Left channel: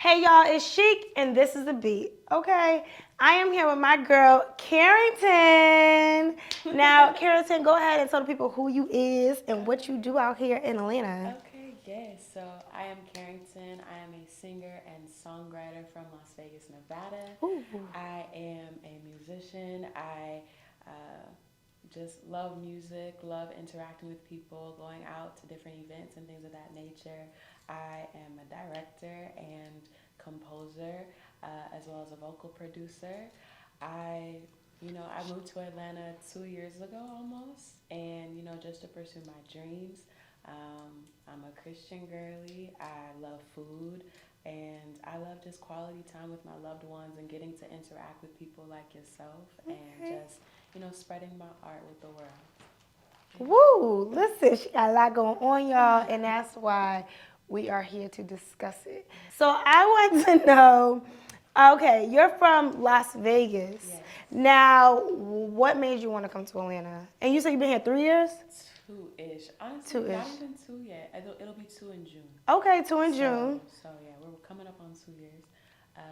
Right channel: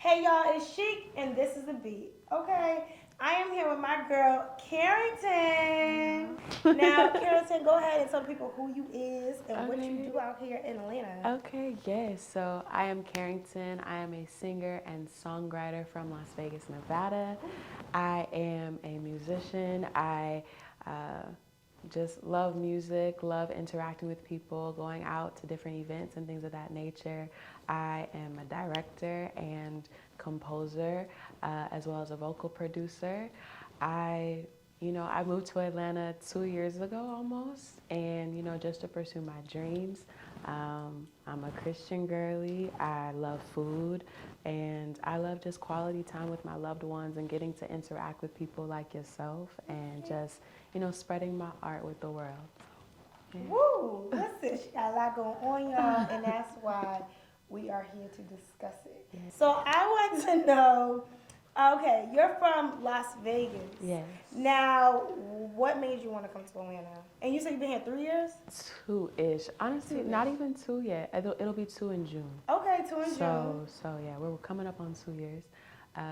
Hey y'all, it's Sheik and this is the beat. Okay, I am here with my girl Carrington. Now, Carrington, go ahead and tell the people who you is and what you Okay. do out here in Atlanta. Okay, yes. So I am Carrington. I am a singer and songwriter from Las Vegas, Nevada. Ooh. I am a musician. I just love music, love interacting with people, going out to different events and things of that nature. I am a director and composer, as well as a vocal producer. I moved to Atlanta 2 years ago almost, and just to pursue my dreams. I'm a Christian girly. I love food, and I love just quality time with my loved ones and getting to interact with people like yourself, and just spreading my art with the world. Yeah. Woo! Listen, she got a lot going on, y'all, and that's why we are here to discuss it. So I want to know. Okay, you're from Las Vegas. Yes. Now, what made you want to come to Atlanta? And you said you've been here 3 years? Two-ish. Honestly, Two-ish. not even two yet. It'll be two in June. Okay, two in June. So yeah, we're coming up on 2 years.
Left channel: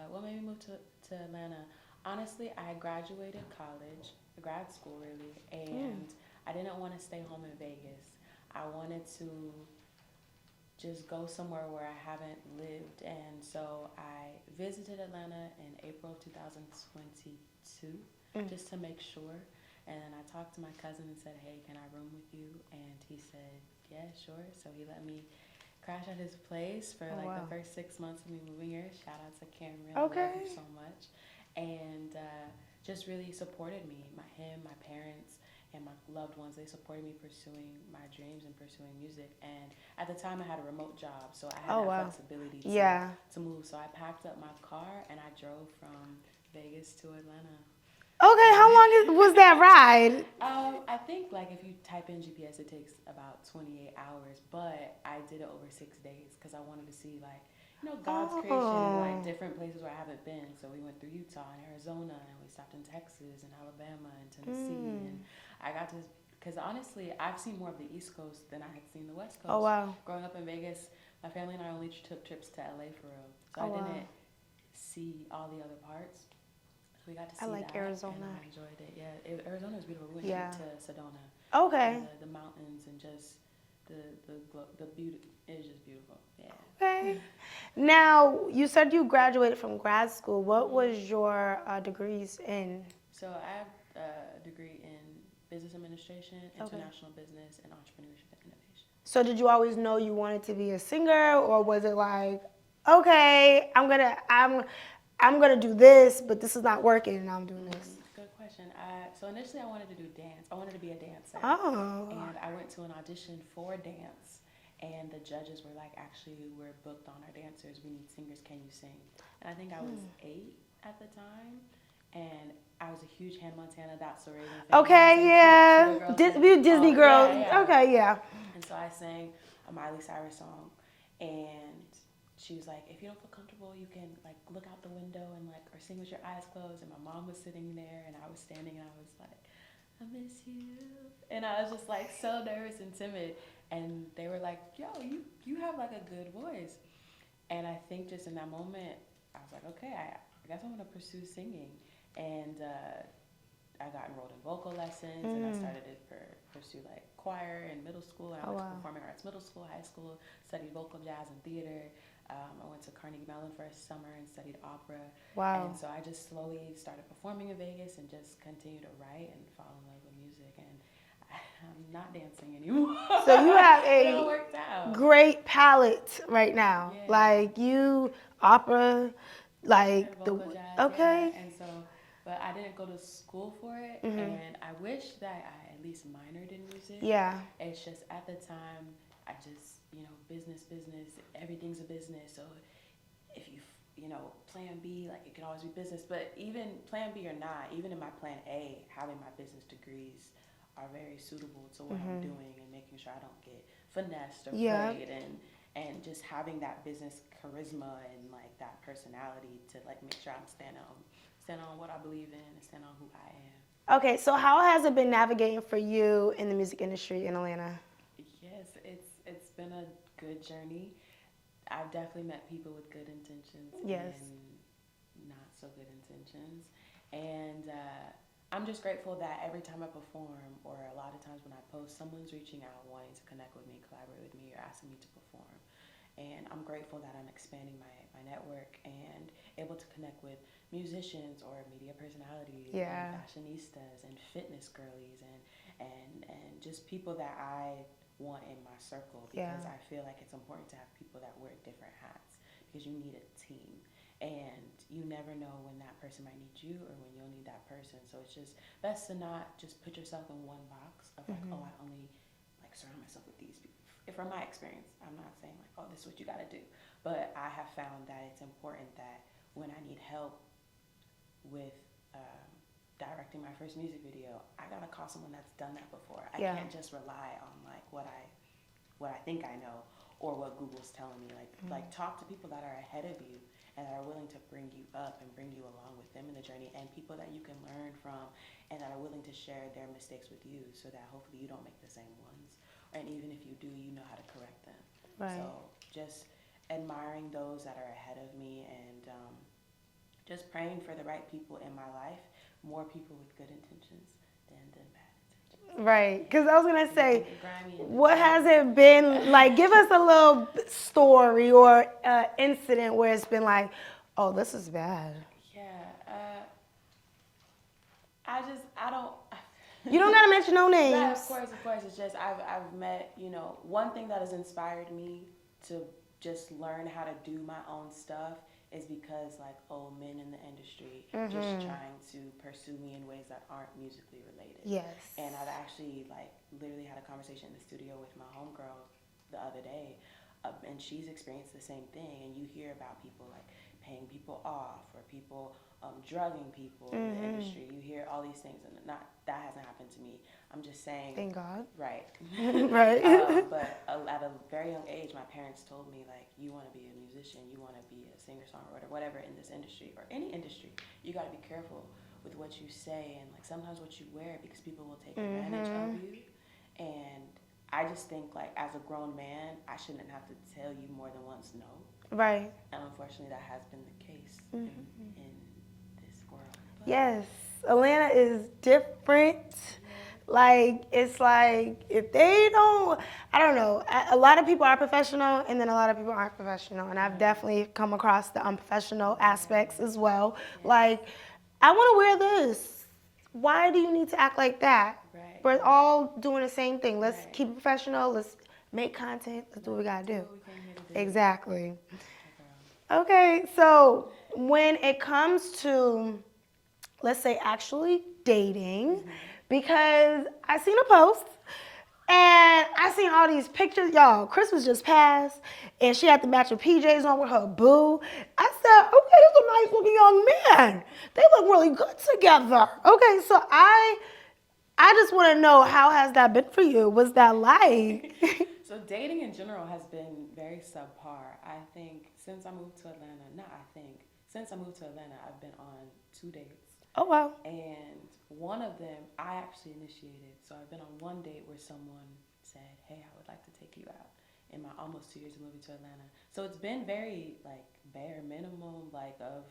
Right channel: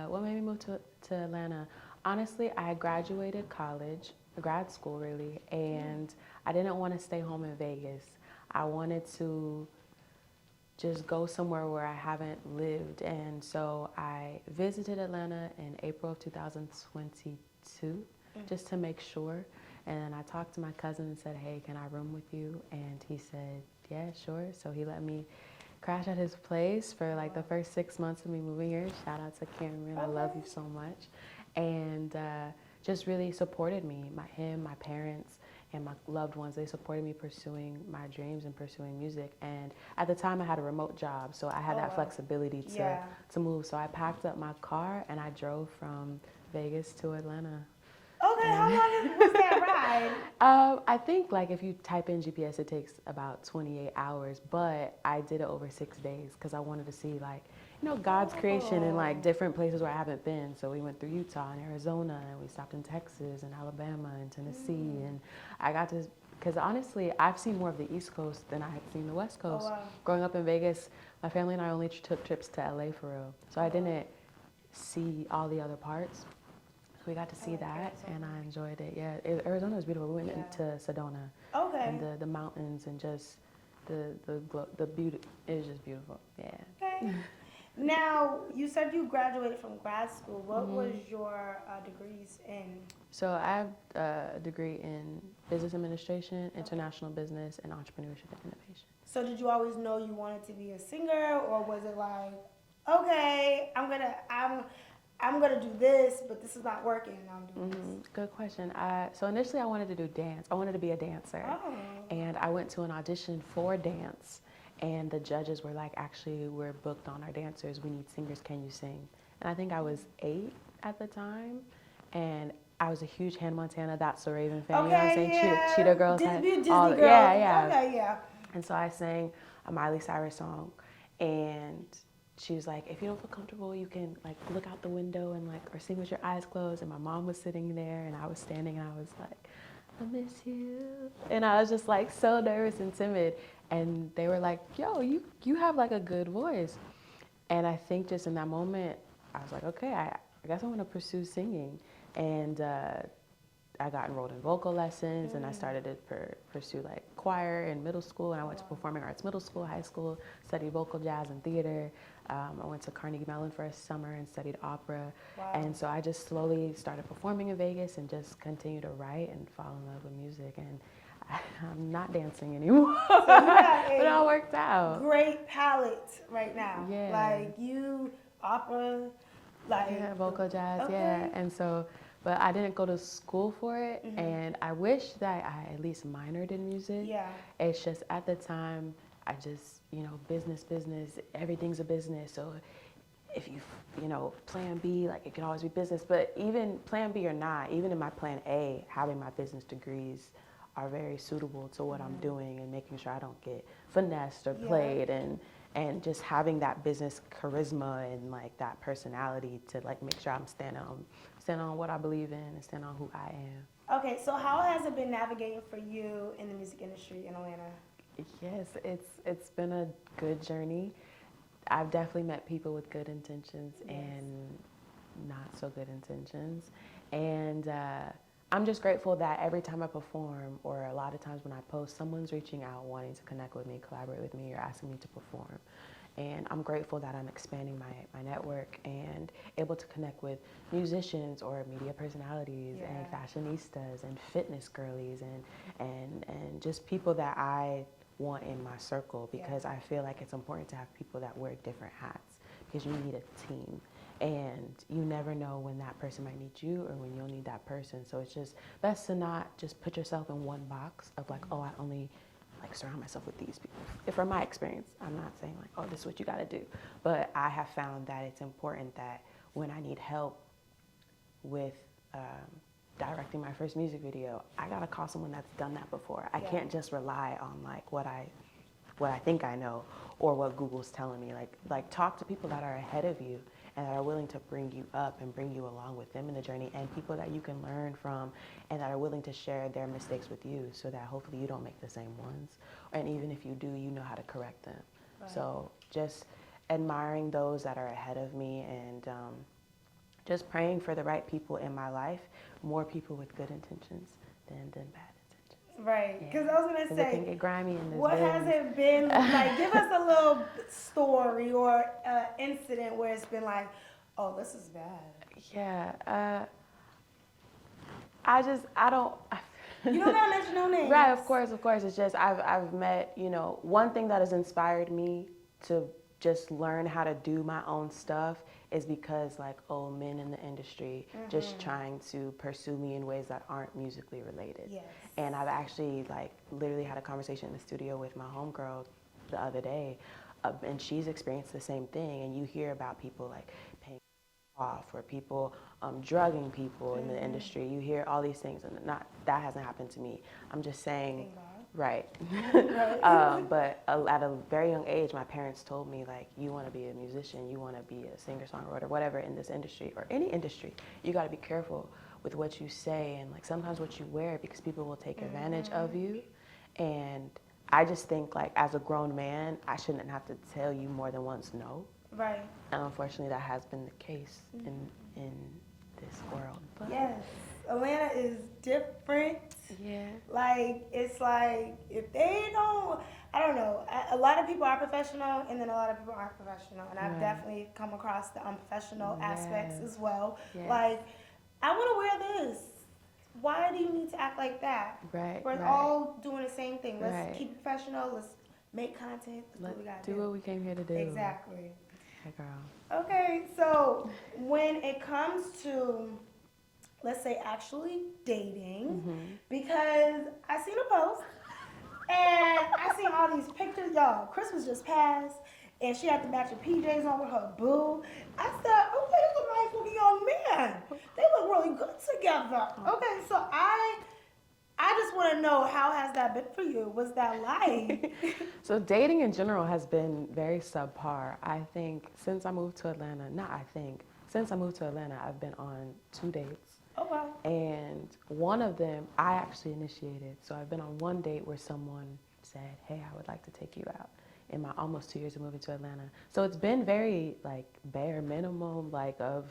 What made me move to Atlanta? Honestly, I graduated college, grad school really, and I didn't want to stay home in Vegas. I wanted to just go somewhere where I haven't lived, and so I visited Atlanta in April of 2022 just to make sure. And then I talked to my cousin and said, "Hey, can I room with you?" And he said, "Yeah, sure." So he let me crash at his place for the first 6 months of me moving here. Shout out to Cameron, I love you so much. And just really supported me, my parents, and my loved ones. They supported me pursuing my dreams and pursuing music. And at the time, I had a remote job, so I had that flexibility to move. So I packed up my car and I drove from Vegas to Atlanta. Okay, how long was that ride? I think if you type in GPS, it takes about 28 hours, but I did it over 6 days because I wanted to see God's creation in different places where I haven't been. So we went through Utah and Arizona, and we stopped in Texas and Alabama and Tennessee, and I got to, because honestly, I've seen more of the East Coast than I had seen the West Coast. Oh, wow. Growing up in Vegas, my family and I only took trips to LA for real, so I didn't see all the other parts. We got to see that, Arizona. and I enjoyed it. Yeah, Arizona was beautiful. We went to Sedona. Okay. And the mountains and just the beauty. It was just beautiful. Yeah. Okay. Now, you said you graduated from grad school. What was your degrees in? So I have a degree in business administration, international business, and entrepreneurship and innovation. So did you always know you wanted to be a singer, or was it like, okay, I'm gonna do this, but this is not working, and I'm doing this? Good question. So initially, I wanted to do dance. I wanted to be a dancer. Oh. And I went to an audition for dance, and the judges were like, "Actually, we're booked on our dancers. We need singers. Can you sing?" And I think I was 8 at the time, and I was a huge Hannah Montana, That's So Raven fan. Okay, yeah. Cheetah Girls. Disney girl. Yeah. Okay, yeah. And so I sang a Miley Cyrus song, and she was like, "If you don't feel comfortable, you can look out the window and or sing with your eyes closed." And my mom was sitting there, and I was standing, and I was like, "I miss you," and I was just so nervous and timid. And they were like, "Yo, you have a good voice." And I think just in that moment, I was like, "Okay, I guess I'm gonna pursue singing." And I got enrolled in vocal lessons, and I started to pursue choir in middle school, and I went to performing arts middle school, high school, studied vocal, jazz, and theater. I went to Carnegie Mellon for a summer and studied opera. Wow. And so I just slowly started performing in Vegas and just continued to write and fall in love with music. And I'm not dancing anymore. So you have it all worked out. Great palette right now. Yeah. Opera, vocal, jazz. Okay. Yeah. And so, but I didn't go to school for it, and I wish that I at least minored in music. Yeah. It's just at the time, I just, business, everything's a business. So if plan B, it can always be business. But even plan B or not, even in my plan A, having my business degrees are very suitable to what I'm doing, and making sure I don't get finessed or played, and just having that business charisma and that personality to make sure I'm standing on what I believe in and stand on who I am. Okay, so how has it been navigating for you in the music industry in Atlanta? Yes, it's been a good journey. I've definitely met people with good intentions Yes. and not so good intentions. And I'm just grateful that every time I perform, or a lot of times when I post, someone's reaching out wanting to connect with me, collaborate with me, or asking me to perform. And I'm grateful that I'm expanding my network and able to connect with musicians or media personalities and fashionistas and fitness girlies and just people that I want in my circle, because I feel like it's important to have people that wear different hats, because you need a team. And you never know when that person might need you or when you'll need that person. So it's just best to not just put yourself in one box of like, oh, I only like surround myself with these people. From my experience, I'm not saying like, oh, this is what you got to do. But I have found that it's important that when I need help with directing my first music video, I got to call someone that's done that before. I can't just rely on like what I think I know or what Google's telling me. Like talk to people that are ahead of you and that are willing to bring you up and bring you along with them in the journey, and people that you can learn from and that are willing to share their mistakes with you, so that hopefully you don't make the same ones. And even if you do, you know how to correct them. Right. So just admiring those that are ahead of me, and just praying for the right people in my life, more people with good intentions than bad intentions. Right, because I was going to say, what gym. has it been like? Give us a little story or incident where it's been like, oh, this is bad. Yeah, I don't. You don't got to mention no names. Right, of course. It's just I've met, one thing that has inspired me to just learn how to do my own stuff is because men in the industry just trying to pursue me in ways that aren't musically related. Yes. And I've actually literally had a conversation in the studio with my homegirl the other day, and she's experienced the same thing. And you hear about people paying people off, or people drugging people in the industry. You hear all these things, and that hasn't happened to me. I'm just saying. Thank God. Right. Right. But at a very young age, my parents told me, you want to be a musician, you want to be a singer-songwriter, whatever, in this industry or any industry, you got to be careful with what you say and sometimes what you wear, because people will take advantage of you. And I just think as a grown man, I shouldn't have to tell you more than once no. Right. And unfortunately, that has been the case in this world. But yes. Atlanta is different. Yeah. It's if they don't, I don't know. A lot of people are professional, and then a lot of people aren't professional. And I've definitely come across the unprofessional aspects as well. Yeah. I want to wear this. Why do you need to act like that? Right. We're all doing the same thing. Let's Right. keep it professional. Let's make content. Let's do what we got to do. What we came here to do. Exactly. Hey, girl. Okay, so when it comes to, let's say, actually dating, because I seen a post and I seen all these pictures. Y'all, Christmas just passed, and she had the matching PJs on with her boo. I said, okay, this is a nice looking young man. They look really good together. Okay, so I just want to know, how has that been for you? What's that like? So dating in general has been very subpar. I think since I moved to Atlanta, I've been on 2 dates. Oh, wow. And one of them I actually initiated. So I've been on one date where someone said, hey, I would like to take you out, in my almost 2 years of moving to Atlanta. So it's been very bare minimum of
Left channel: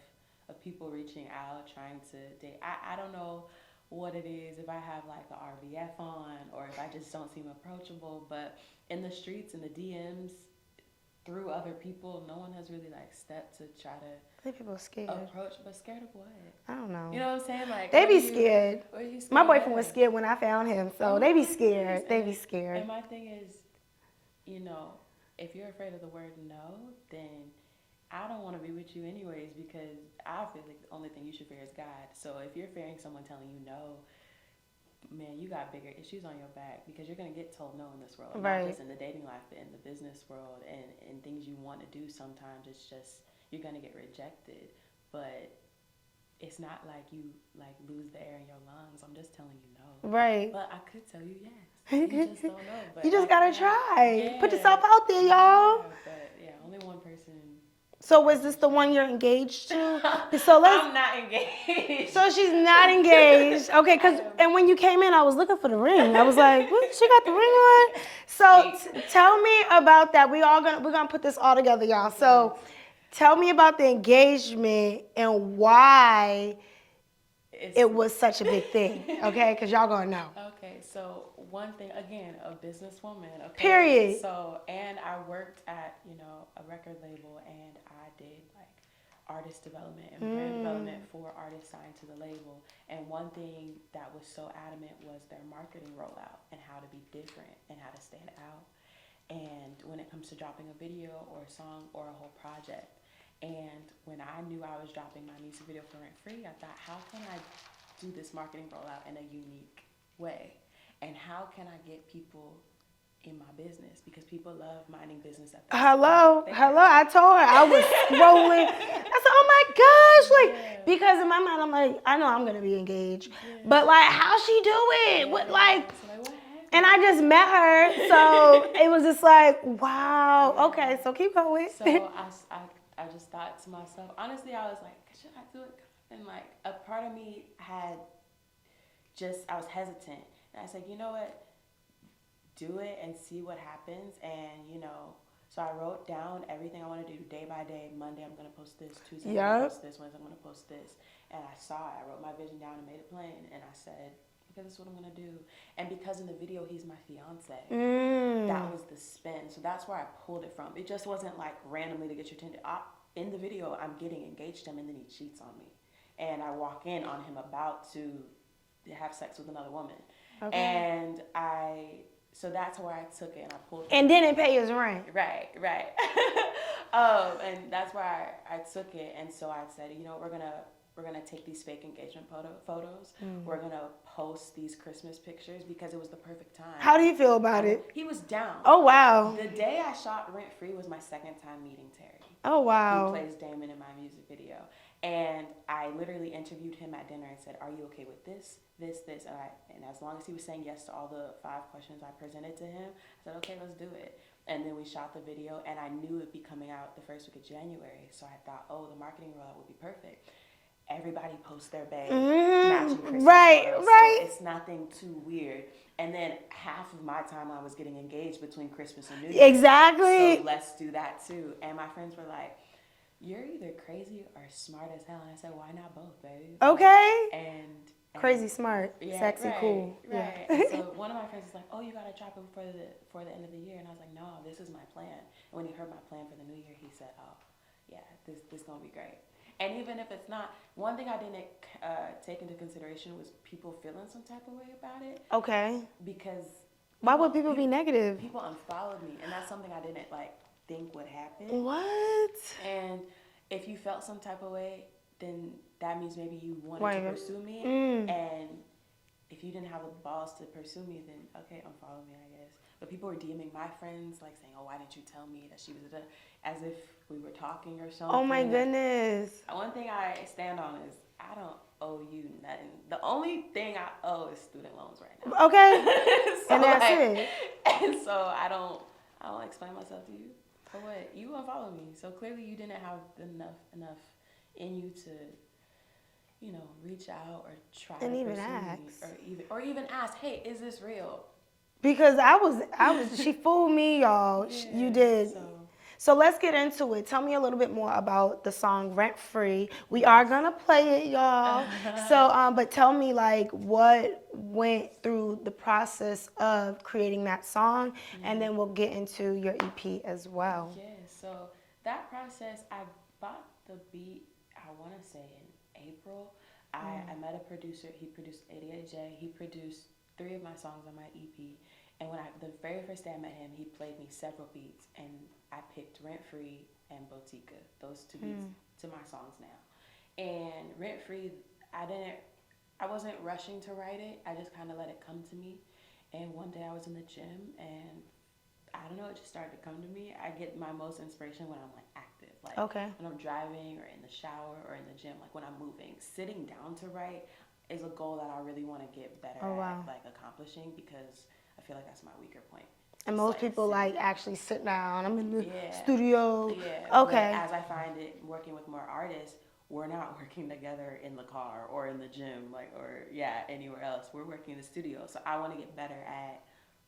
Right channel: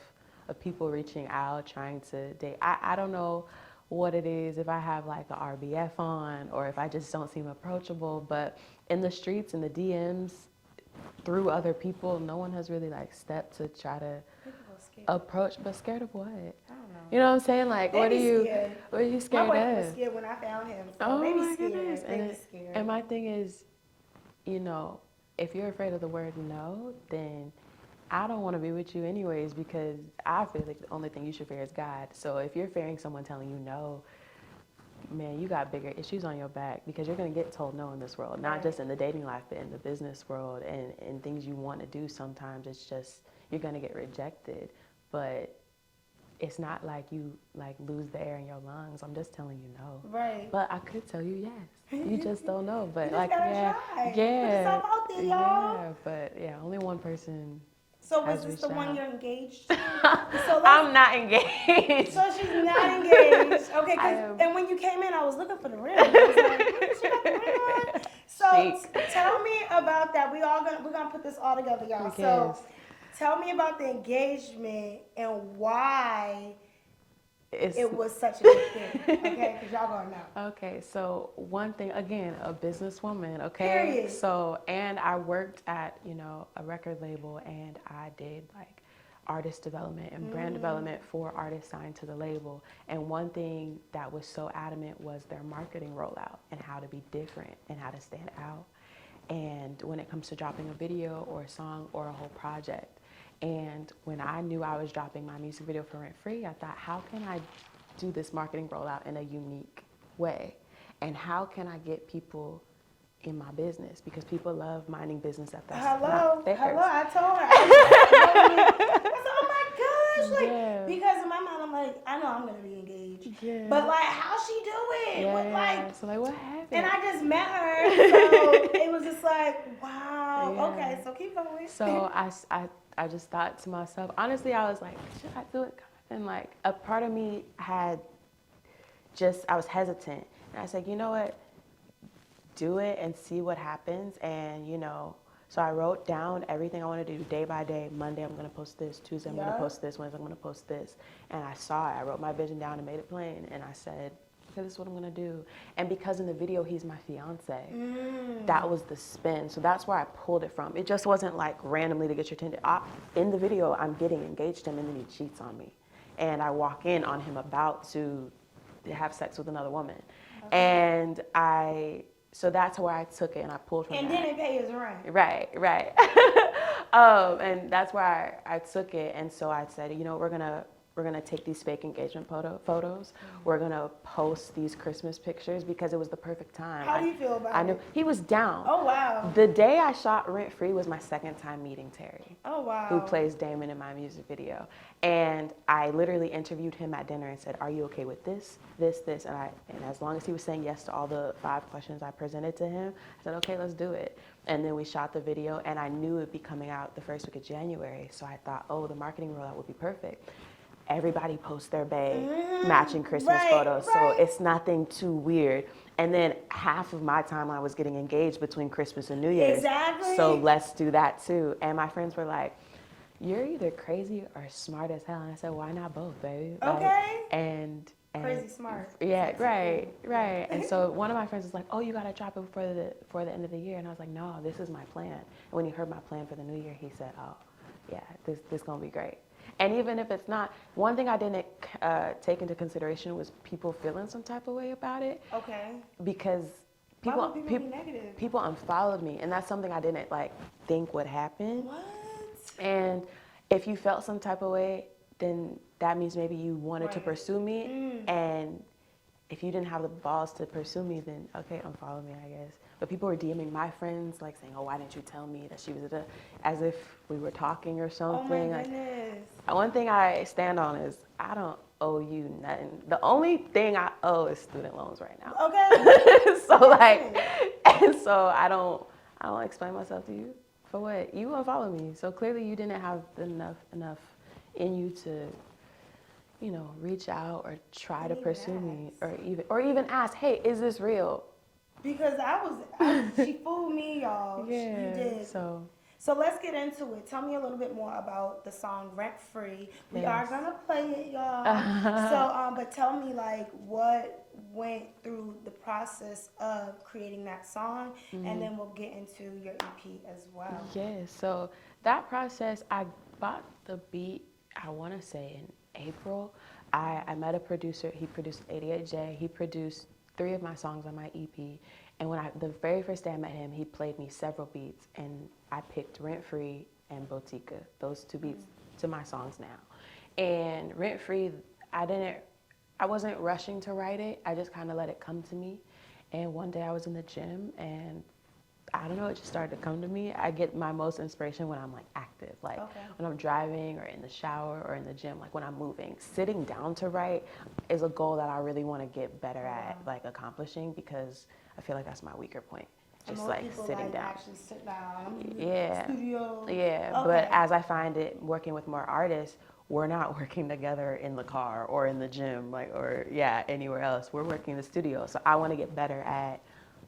people reaching out, trying to date. I don't know what it is, if I have the RBF on or if I just don't seem approachable, but in the streets, in the DMs, through other people, no one has really stepped to try to People scared. approach. But scared of what? I don't know. You know what I'm saying? They be scared. What are you scared My boyfriend of? was scared when I found him, so they be scared. They be scared. And my thing is, if you're afraid of the word no, then I don't want to be with you anyways, because I feel like the only thing you should fear is God. So if you're fearing someone telling you no, man, you got bigger issues on your back, because you're going to get told no in this world. Right. Not just in the dating life, but in the business world and things you want to do. Sometimes it's just, you're going to get rejected. But it's not like you lose the air in your lungs. I'm just telling you no. Right. But I could tell you yes. You just don't know. But you just gotta try. Yeah, Put yourself out there, y'all. Yeah, but only one person So was has this reached the one out. you're engaged to? So let's. I'm not engaged. So she's not engaged. Okay, I am. and when you came in, I was looking for the ring. I was like, what? She got the ring on. So tell me about that. We're gonna put this all together, y'all. So Yes. tell me about the engagement and why it was such a big thing. Okay, because y'all gonna know. Okay, so one thing, again, a businesswoman, okay? Period. So, and I worked at, a record label, and I did like artist development and brand development for artists signed to the label. And one thing that was so adamant was their marketing rollout and how to be different and how to stand out. And when it comes to dropping a video or a song or a whole project. And when I knew I was dropping my music video for Rent Free, I thought, how can I do this marketing rollout in a unique way? And how can I get people in my business? Because people love minding business at their Hello. theirs. I told her. I was rolling. I said, oh my gosh. Like, Yeah. because in my mind, I'm like, I know I'm going to be engaged. Yeah. But like, how she do it? Yeah, What, yeah. like, So like, what happened? and I just met her. So it was just like, wow. Yeah. Okay, so keep going. So I just thought to myself, honestly, I was like, should I do it? And like, a part of me I was hesitant. And I said, you know what? Do it and see what happens. And, so I wrote down everything I want to do day by day. Monday, I'm going to post this. Tuesday, I'm going to post this. Wednesday, I'm going to post this. And I saw it. I wrote my vision down and made it plain. And I said, okay, this is what I'm going to do. And because in the video, he's my fiance, that was the spin. So that's where I pulled it from. It just wasn't like randomly to get your attention. In the video, I'm getting engaged to him, and then he cheats on me. And I walk in on him about to have sex with another woman. Okay. And so that's where I took it, and I pulled from And didn't pay his rent. Right. And that's where I took it. And so I said, we're gonna take these fake engagement photos. We're gonna post these Christmas pictures because it was the perfect time. How do you feel about it? He was down. Oh, wow. The day I shot Rent Free was my second time meeting Terry. Oh, wow. Who plays Damon in my music video. And I literally interviewed him at dinner and said, are you okay with this, this, this? And as long as he was saying yes to all the 5 questions I presented to him, I said, okay, let's do it. And then we shot the video, and I knew it would be coming out the first week of January. So I thought, the marketing rollout would be perfect. Everybody posts their bae matching Christmas photos. So it's nothing too weird. And then half of my timeline was getting engaged between Christmas and New Year's. Exactly. So let's do that too. And my friends were like, you're either crazy or smart as hell. And I said, why not both, baby? Okay. And crazy smart. Yeah, sexy, right, cool. right. And so one of my friends was like, oh, you got to drop it before the end of the year. And I was like, no, this is my plan. And when he heard my plan for the new year, he said, oh, yeah, this going to be great. And even if it's not, one thing I didn't take into consideration was people feeling some type of way about it. Okay. Because why would people be negative? People unfollowed me, and that's something I didn't think would happen. What? And if you felt some type of way, then that means maybe you wanted to pursue me. And if you didn't have the balls to pursue me, then okay, unfollow me, I guess. But people were DMing my friends, like saying, oh, why didn't you tell me that she was as if we were talking or something. Oh my goodness. One thing I stand on is I don't owe you nothing. The only thing I owe is student loans right now. Okay. So and that's it. And so I don't explain myself to you. For what? You unfollow me. So clearly you didn't have enough in you to, reach out or try to pursue me or even ask, hey, is this real? Because I was she fooled me, y'all. Yeah, you did. So let's get into it. Tell me a little bit more about the song Rent Free. We are gonna play it, y'all. So but tell me what went through the process of creating that song, and then we'll get into your EP as well. Yeah, so that process, I bought the beat, I wanna say in April. I met a producer, he produced 88J, he produced 3 of my songs on my EP. And the very first day I met him, he played me several beats, and I picked Rent Free and Botica, those 2 beats to my songs now. And Rent Free, I wasn't rushing to write it. I just kind of let it come to me. And one day I was in the gym, and I don't know, it just started to come to me. I get my most inspiration when I'm active, when I'm driving or in the shower or in the gym, when I'm moving. Sitting down to write is a goal that I really want to get better at, accomplishing, because I feel like that's my weaker point. And just most like people sitting like down. actually sit down. I'm in the Yeah. studio. Yeah, Okay. but as I find it working with more artists, we're not working together in the car or in the gym, like, or anywhere else. We're working in the studio. So I want to get better at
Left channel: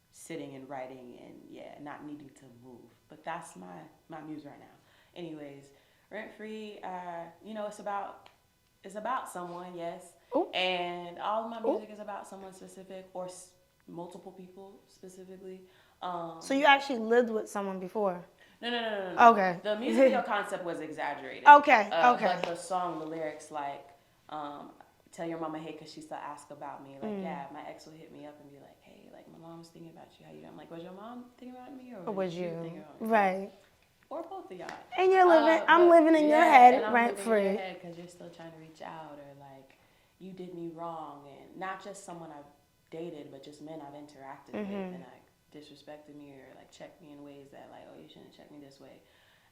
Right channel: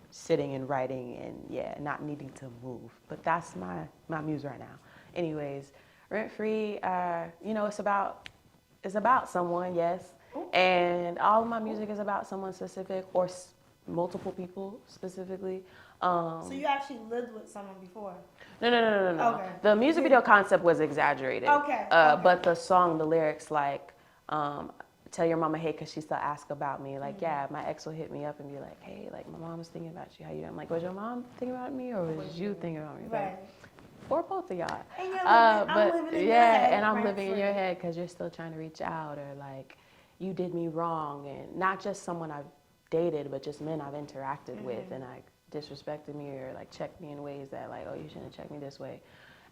sitting and writing and not needing to move. But that's my muse right now. Anyways, Rent Free, it's about someone, yes. Ooh. And all of my music is about someone specific or multiple people specifically. So you actually lived with someone before? No. Okay. The music video concept was exaggerated. Okay. But the song, the lyrics, like, tell your mama, hey, because she still ask about me. Like, my ex will hit me up and be like, hey, like, my mom's thinking about you. How you doing? I'm like, was your mom thinking about me or was you thinking about me? Right. Or both of y'all. And you're living, I'm living in your head, and I'm rent living free. in your head because you're still trying to reach out, or like, you did me wrong, and not just someone I've dated, but just men I've interacted with, and like disrespected me or like checked me in ways that like, oh, you shouldn't check me this way,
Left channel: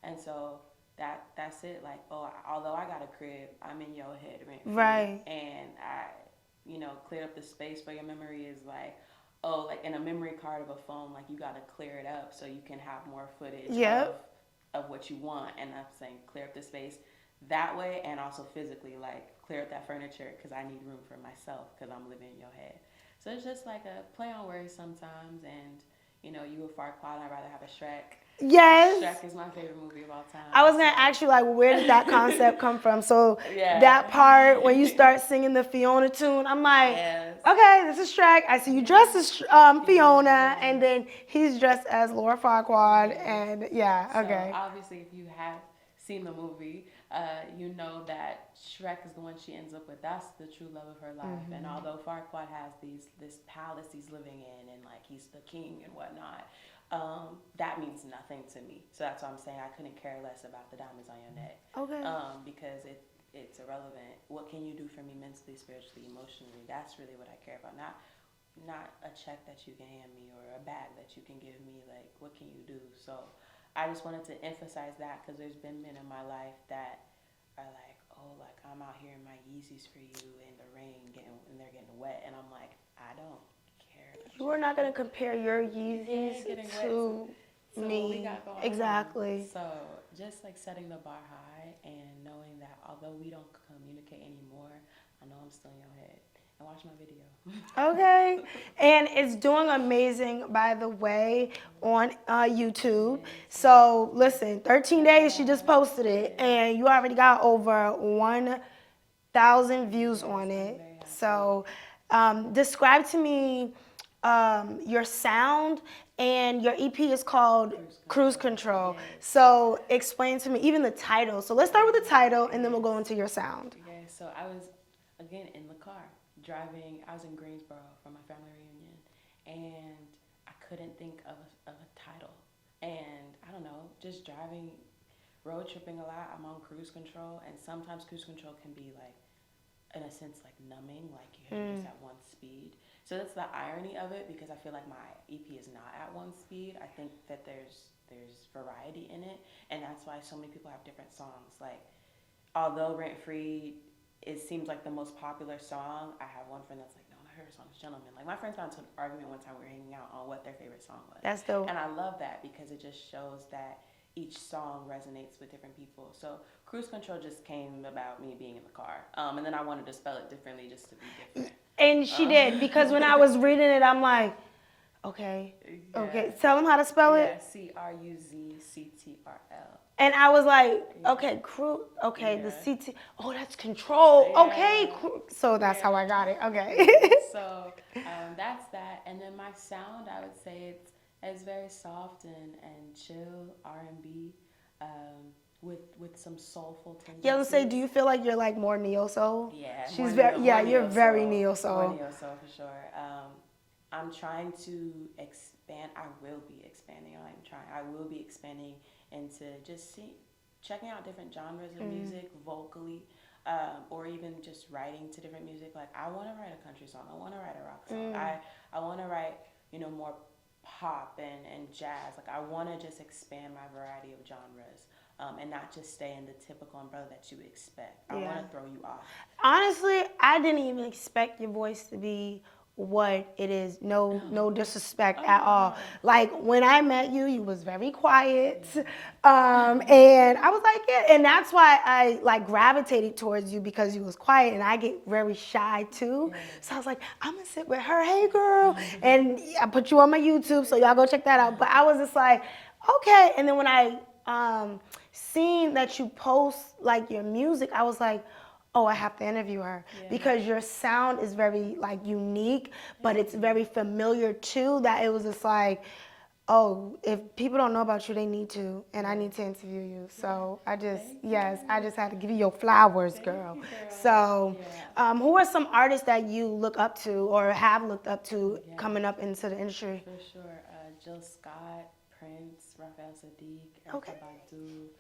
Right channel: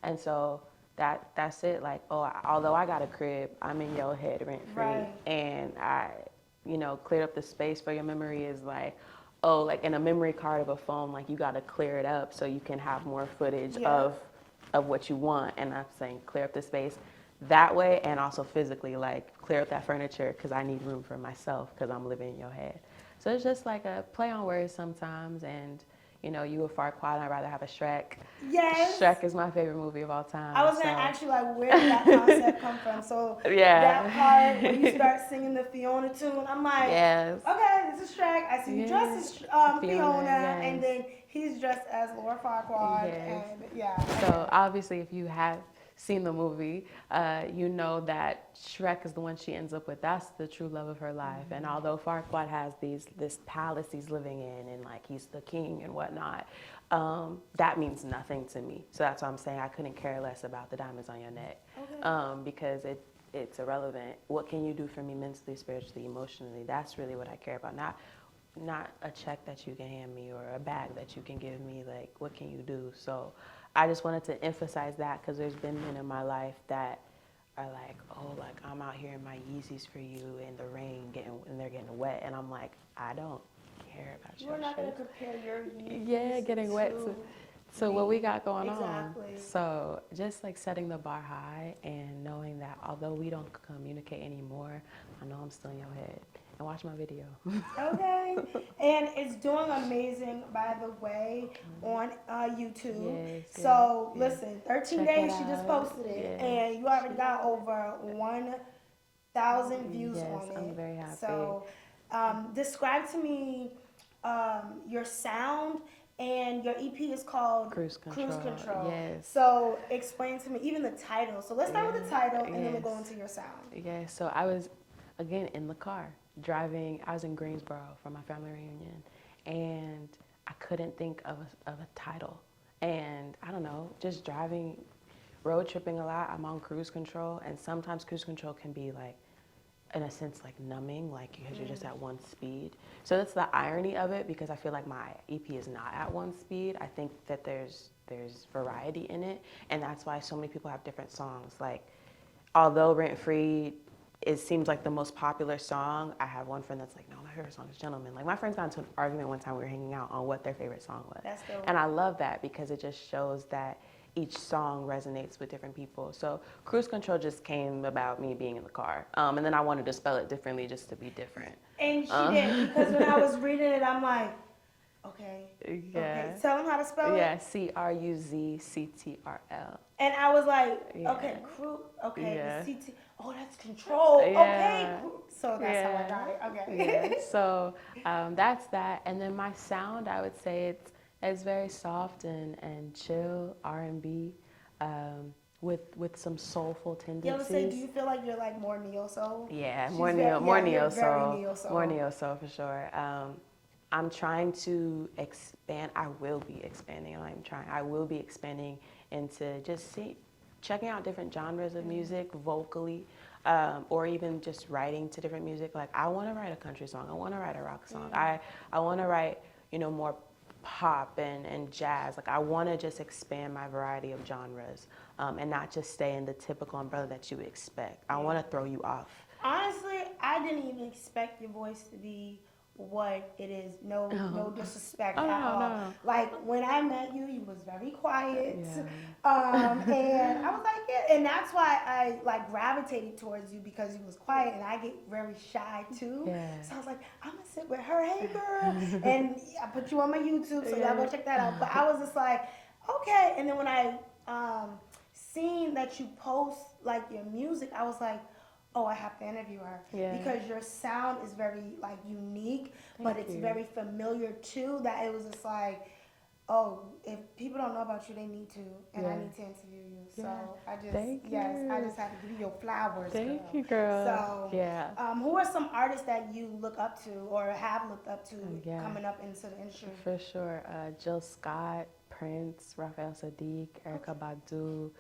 and so that's it. Like, although I got a crib, I'm in your head rent free, Right. and I, cleared up the space for your memory is like. Oh, like in a memory card of a phone, like you got to clear it up so you can have more footage of what you want. And I'm saying clear up the space that way, and also physically, like clear up that furniture because I need room for myself because I'm living in your head. So it's just like a play on words sometimes, and you a Farquaad, I'd rather have a Shrek. Yes. Shrek is my favorite movie of all time. I was going to ask you, like, where did that concept come from? So that part when you start singing the Fiona tune, I'm like, okay, this is Shrek. I see you dressed as Fiona, and then he's dressed as Laura Farquaad, and okay. So obviously, if you have seen the movie, you know that Shrek is the one she ends up with. That's the true love of her life. And although Farquaad has this palace he's living in, and like he's the king and whatnot, that means nothing to me. So that's why I'm saying I couldn't care less about the diamonds on your neck. Okay. Because it's irrelevant. What can you do for me mentally, spiritually, emotionally? That's really what I care about. Not a check that you can hand me or a bag that you can give me. Like, what can you do? So I just wanted to emphasize that because there's been men in my life that are like, oh, like I'm out here in my Yeezys for you in the rain and they're getting wet, and I'm like, I don't care about you. We're not going to compare your Yeezys getting wet to what we got going on. Exactly. So just like setting the bar high and knowing that although we don't communicate anymore, I know I'm still in your head. And watch my video. Okay. And it's doing amazing, by the way, on YouTube. So listen, 13 days she just posted it, and you already got over 1,000 views on it. I'm very happy. So describe to me your sound, and your EP is called Cruise Control. Yes. So explain to me even the title. So let's start with the title, and then we'll go into your sound. Yeah, so I was, again, in the car. Driving, I was in Greensboro for my family reunion, and I couldn't think of a title. And I don't know, just driving, road tripping a lot, I'm on cruise control, and sometimes cruise control can be like, in a sense, like numbing, like because you're just at one speed. So that's the irony of it, because I feel like my EP is not at one speed. I think that there's variety in it, and that's why so many people have different songs. Like, although Rent Free, it seems like the most popular song, I have one friend that's like, no, my favorite song is Gentleman. Like, my friends got into an argument one time we were hanging out on what their favorite song was. That's dope. And I love that because it just shows that each song resonates with different people. So Cruise Control just came about me being in the car. And then I wanted to spell it differently just to be different. And she did, because when I was reading it, I'm like, okay, tell them how to spell it. Yeah, CRUZCTRL. And I was like, okay, the CT, that's control. Okay, so that's how I got it. Okay. So that's that. And then my sound, I would say it's very soft and chill R&B with some soulful tendencies. Yeah, let's say, do you feel like you're like more neo soul? Yeah, She's more very, neo, you're very neo soul. More neo soul for sure. I'm trying to expand. I will be expanding. I will be expanding into just checking out different genres of music vocally, or even just writing to different music. Like, I want to write a country song. I want to write a rock song. I want to write, more pop and jazz. Like, I want to just expand my variety of genres, and not just stay in the typical umbrella that you would expect. I want to throw you off. Honestly, I didn't even expect your voice to be what it is. No disrespect Oh, at no, all. no. Like when I met you, you was very quiet, Yeah. and I was like, yeah, and that's why I like gravitated towards you because you was quiet, and I get very shy too. Yeah. So I was like, I'm gonna sit with her, hey girl, and I put you on my YouTube, so y'all go check that out. But I was just like, okay, and then when I seen that you post like your music, I was like, oh, I have to interview her Yeah. because your sound is very like unique, but it's you. very familiar too. That it was just like, oh, if people don't know about you, they need to, and I Yeah. need to interview you. So I just, Thank I you. just had to give you your flowers, Thank girl. you, girl. So, Yeah. who are some artists that you look up to or have looked up to Yeah. coming up into the industry? For sure. Jill Scott, Prince, Raphael Sadiq, Erykah Badu,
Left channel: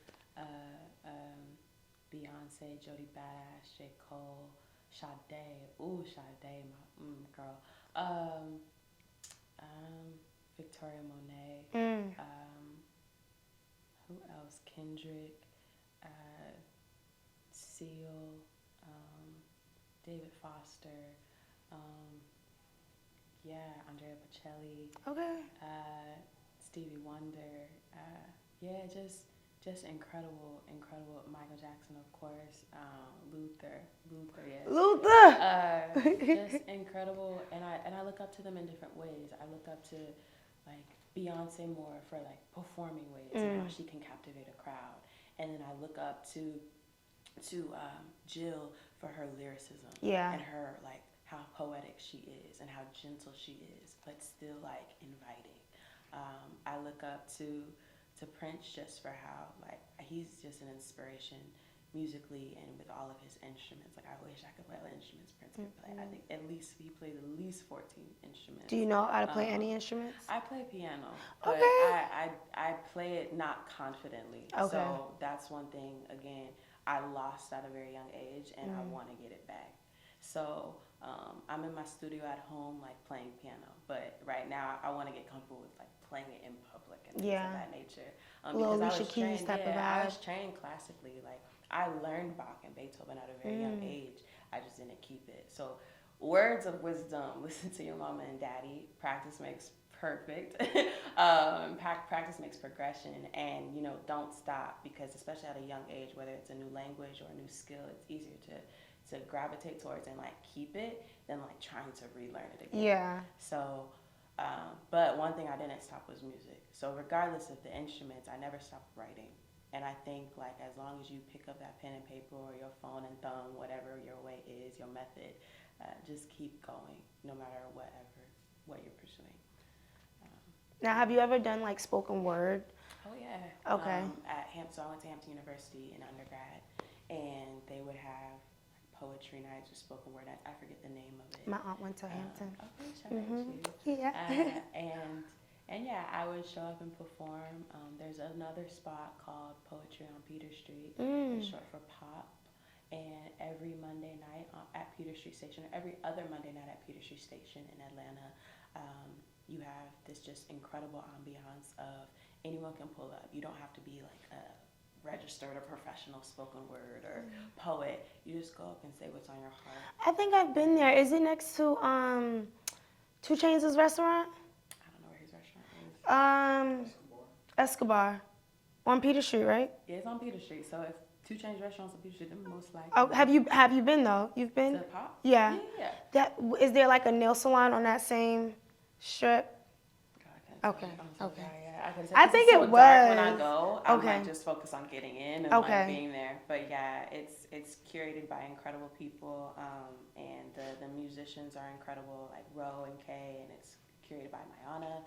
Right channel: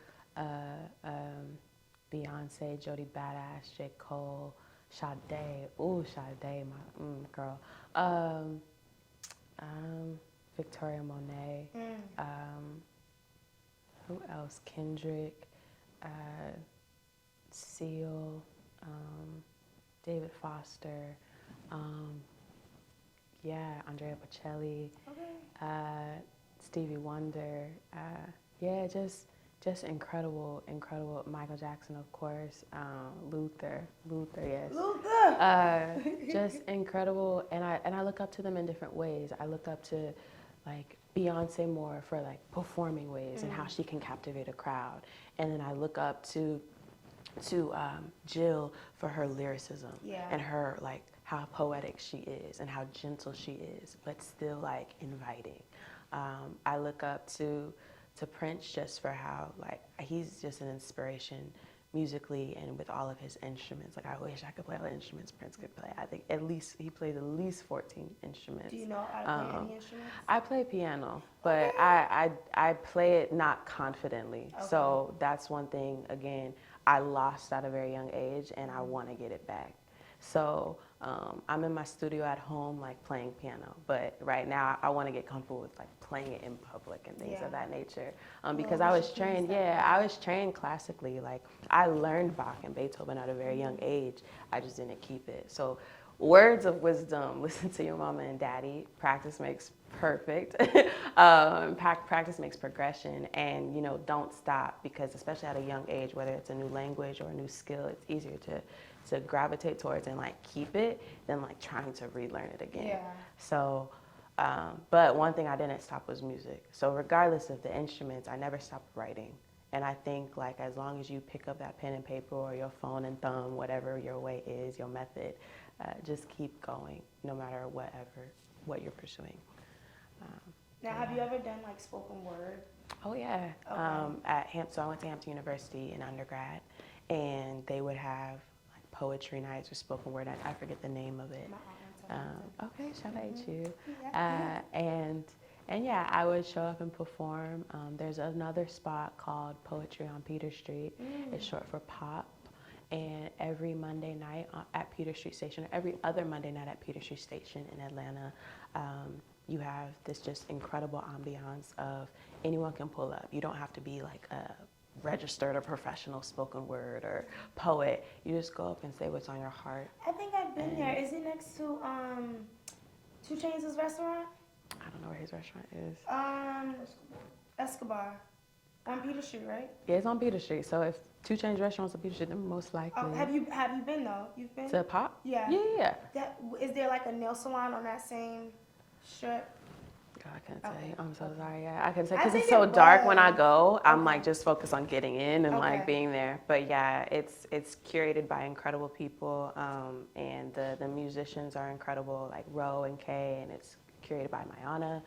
Beyonce, Jody Badass, J. Cole, Sade. Ooh, Sade, my girl. Victoria Monet. Who else? Kendrick, Seal, David Foster. Yeah, Andrea Bocelli. Okay. Stevie Wonder. Yeah, just incredible. Michael Jackson, of course. Luther, yes. Luther. Just incredible, and I look up to them in different ways. I look up to like Beyonce more for like performing ways and how she can captivate a crowd, and then I look up to Jill for her lyricism and her like how poetic she is and how gentle she is, but still like inviting. I look up to Prince just for how like he's just an inspiration musically and with all of his instruments. Like I wish I could play all the instruments Prince could play. I think he plays at least 14 instruments. Do you know how to play any instruments? I play piano, but I play it not confidently. Okay. So that's one thing, again, I lost at a very young age, and I want to get it back. So I'm in my studio at home, like playing piano. But right now, I want to get comfortable with like playing it in public and things of that nature. Because I was trained, I was trained classically. Like I learned Bach and Beethoven at a very young age. I just didn't keep it. So words of wisdom: listen to your mama and daddy. Practice makes perfect. Practice makes progression, and don't stop, because especially at a young age, whether it's a new language or a new skill, it's easier to gravitate towards and like keep it than like trying to relearn it again. Yeah. So, but one thing I didn't stop was music. So regardless of the instruments, I never stopped writing. And I think like as long as you pick up that pen and paper or your phone and thumb, whatever your way is, your method, just keep going no matter what you're pursuing. Now, have you ever done like spoken word? Oh yeah. Okay. So I went to Hampton University in undergrad, and they would have like poetry nights or spoken word nights. I forget the name of it. My aunt went to Hampton. Okay, shout out to you. Yeah. And yeah, I would show up and perform. There's another spot called Poetry on Peter Street. It's short for POP. And every Monday night at Peter Street Station, or every other Monday night at Peter Street Station in Atlanta, you have this just incredible ambiance of anyone can pull up. You don't have to be like a registered or professional spoken word or poet. You just go up and say what's on your heart. I think I've been there. Is it next to 2 Chainz' restaurant? I don't know where his restaurant is. Escobar. On Peter Street, right? Yeah, it's on Peter Street. So if 2 Chainz restaurants on Peter Street, then most likely. Oh, have you been though? You've been to POP? Yeah. Yeah. Is there like a nail salon on that same strip? God, I couldn't tell Okay. you. I'm so sorry. Yeah, I couldn't tell I you. 'Cause think it's so it dark when I was. go. I'm Okay. like just focused on getting in and Okay. like being there. But yeah, it's curated by incredible people, and the musicians are incredible, like Ro and Kay, and it's curated by Mayana.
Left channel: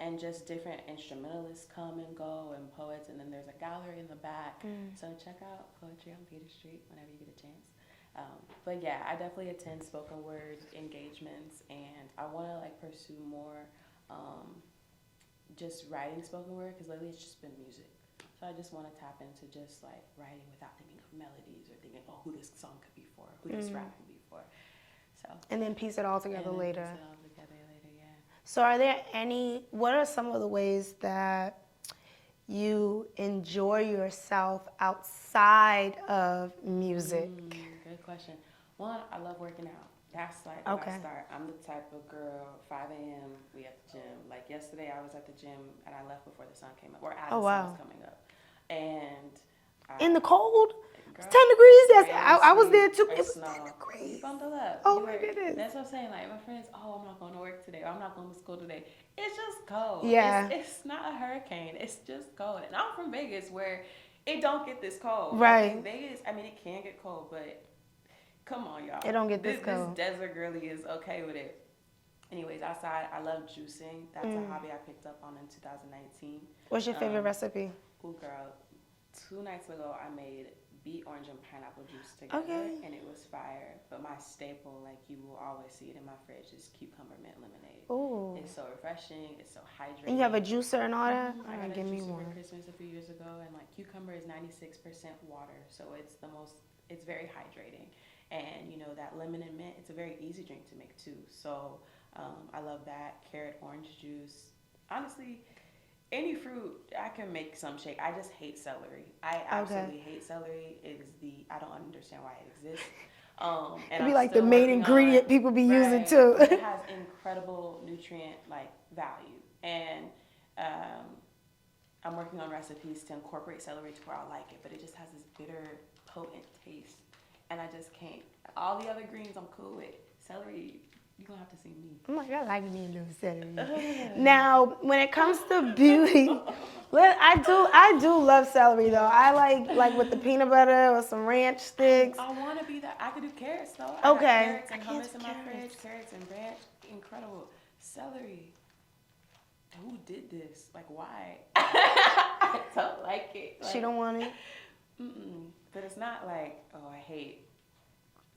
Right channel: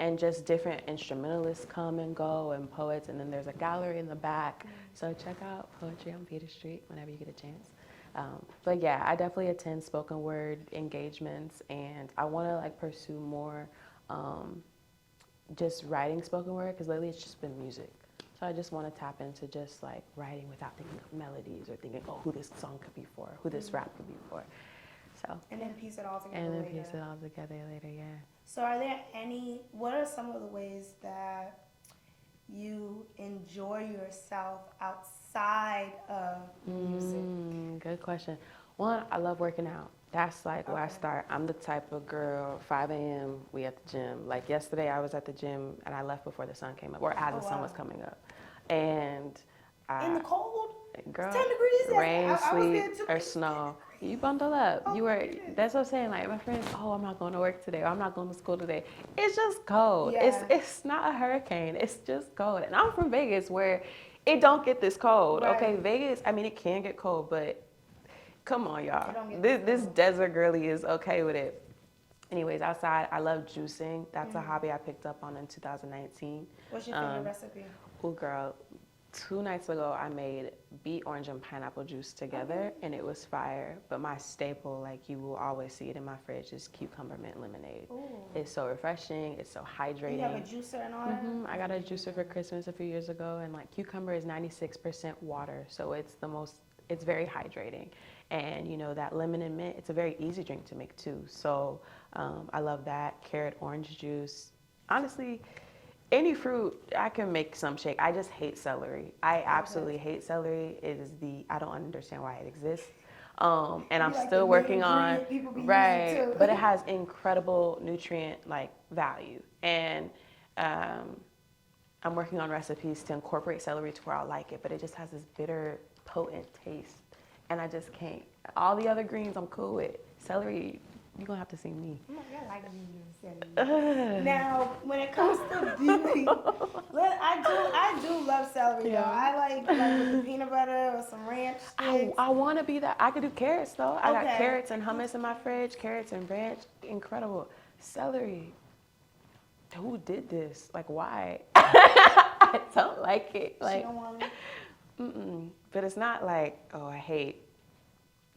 And just different instrumentalists come and go, and poets, and then there's a gallery in the back. So check out Poetry on Peter Street whenever you get a chance. But yeah, I definitely attend spoken word engagements, and I want to like pursue more just writing spoken word, because lately it's just been music. So I just want to tap into just like writing without thinking of melodies or thinking, oh, who this song could be for, who this rap could be for. So. And then piece it all together later. Piece it all together later, yeah. So what are some of the ways that you enjoy yourself outside of music? Good question. One, I love working out. That's like where I Okay. start. I'm the type of girl, 5 a.m., we at the gym. Like yesterday, I was at the gym and I left before the sun came up, or as Oh, the sun wow. was coming up. And In the I, cold? girl, It's 10 degrees. rain, I was sleet, there too. or It was 10 snow, you degrees. bundle up. Oh You my were. goodness. That's what I'm saying. Like my friends, oh, I'm not going to work today, or I'm not going to school today. It's just cold. Yeah. It's not a hurricane. It's just cold. And I'm from Vegas, where it don't get this cold. Right. Okay, Vegas. I mean, it can get cold, but come on, y'all. It don't get this this cold. desert girly is okay with it. Anyways, outside, I love juicing. That's a hobby I picked up on in 2019. What's your favorite recipe? Oh, girl, 2 nights ago, I made beet, orange, and pineapple juice together, Okay. and it was fire. But my staple, like you will always see it in my fridge, is cucumber mint lemonade. Ooh. It's so refreshing. It's so hydrating. And you have a juicer and all that? I got a Give me juicer for one. Christmas a few years ago, and like cucumber is 96% water, so it's very hydrating. And you know that lemon and mint, it's a very easy drink to make too. So I love that. Carrot, orange juice. Honestly, any fruit I can make some shake. I just hate celery. I absolutely hate celery. I don't understand why it exists. And It'd I'm be like still the main working ingredient on, people be right, using too. but it has incredible nutrient like value. And I'm working on recipes to incorporate celery to where I like it, but it just has this bitter, potent taste. And I just can't. All the other greens I'm cool with. Celery, you're going to have to see me. Oh my God, I like me and celery. Now, when it comes to beauty, I do love celery though. I like with the peanut butter or some ranch sticks. I want to be that. I could do carrots though. I got Okay. carrots and I can't hummus do in my carrots. fridge. Carrots and ranch, incredible. Celery. Who did this? Like, why? I don't like it. Like, She don't want it. But it's not like, oh, I hate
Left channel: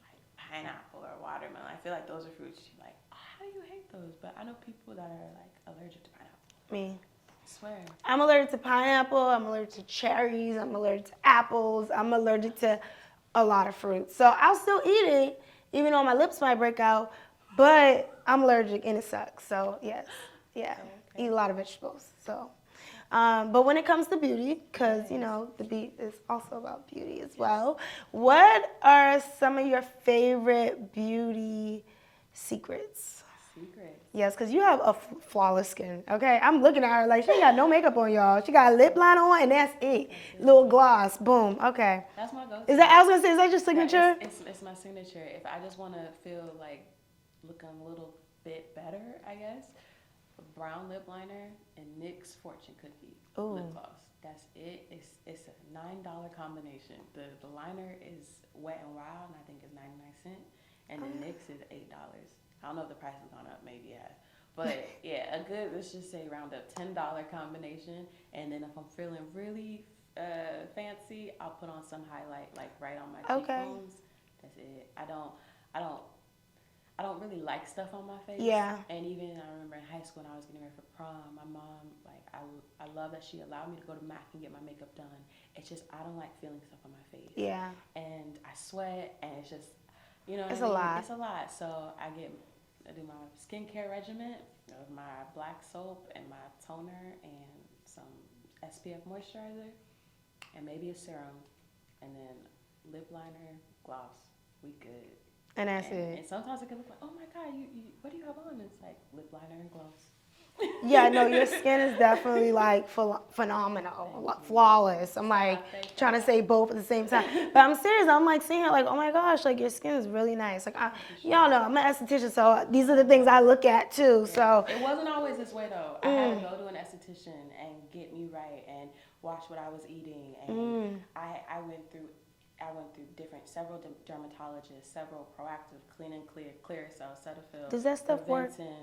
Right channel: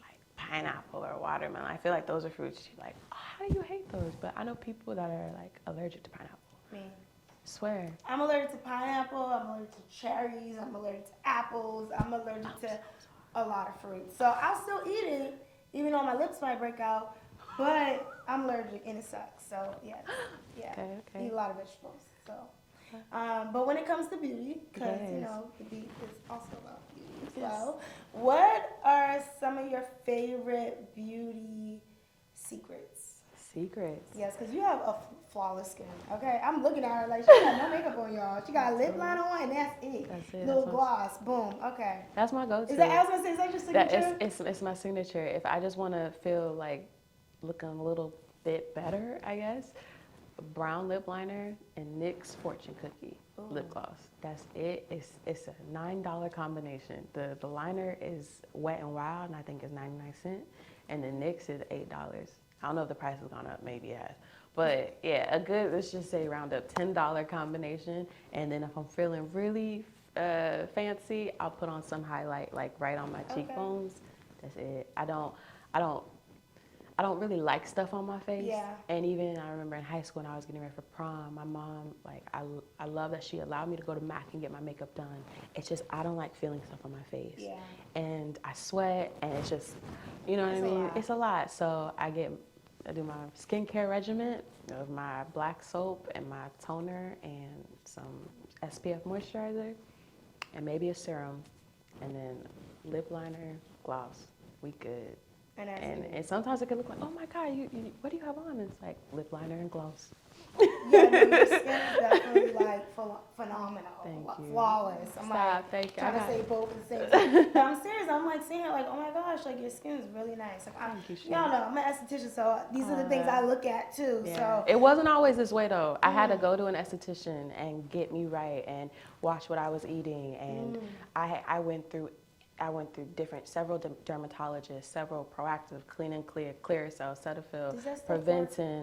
like pineapple or watermelon. I feel like those are fruits you're like, oh, how do you hate those? But I know people that are like allergic to pineapple. Me. I swear. I'm allergic to pineapple. I'm allergic to cherries. I'm allergic to apples. I'm allergic to a lot of fruits. So I'll still eat it, even though my lips might break out. But I'm allergic and it sucks. So yes, yeah, Okay. eat a lot of vegetables. So, but when it comes to beauty, because you Yes. know the beat is also about beauty as well. What are some of your favorite beauty secrets? Secrets. Yes, because you have a flawless skin, okay? I'm looking at her like she got no makeup on, y'all. She got a lip liner on, and that's it. That's it. Little gloss, boom, okay. That's my go-to. Is that, I was going to say, is that your That- signature? It's my signature. If I just want to feel like looking a little bit better, I guess, brown lip liner and NYX Fortune Cookie lip gloss. That's it. It's a $9 combination. The liner is Wet n Wild, and I think it's 99¢, and the NYX is $8. I don't know if the price has gone up, maybe it has. But yeah, a good, let's just say round up $10 combination. And then if I'm feeling really fancy, I'll put on some highlight like right on my cheekbones. That's it. I don't really like stuff on my face. Yeah. And even I remember in high school when I was getting ready for prom, my mom, like I love that she allowed me to go to MAC and get my makeup done. It's just I don't like feeling stuff on my face. Yeah. And I sweat and it's just, you know what It's I a mean? lot. It's a lot. So I do my skincare regimen of my black soap and my toner and some SPF moisturizer and maybe a serum and then lip liner, gloss. We good. And that's it. And sometimes it can look like, oh my God, you what do you have on? And it's like lip liner and gloss. Yeah, no, your skin is definitely like phenomenal, Thank like, you. flawless. I'm Stop, like thank you. trying to say both at the same time. But I'm serious. I'm like seeing it like, oh my gosh, like your skin is really nice. Like y'all know, I'm an esthetician, so these are the things I look at too. Yeah. So it wasn't always this way though. I had to go to an esthetician and get me right and watch what I was eating. And I went through several dermatologists, several Proactive, Clean and Clear, Clearasil, Cetaphil, Does that stuff work? Preventin.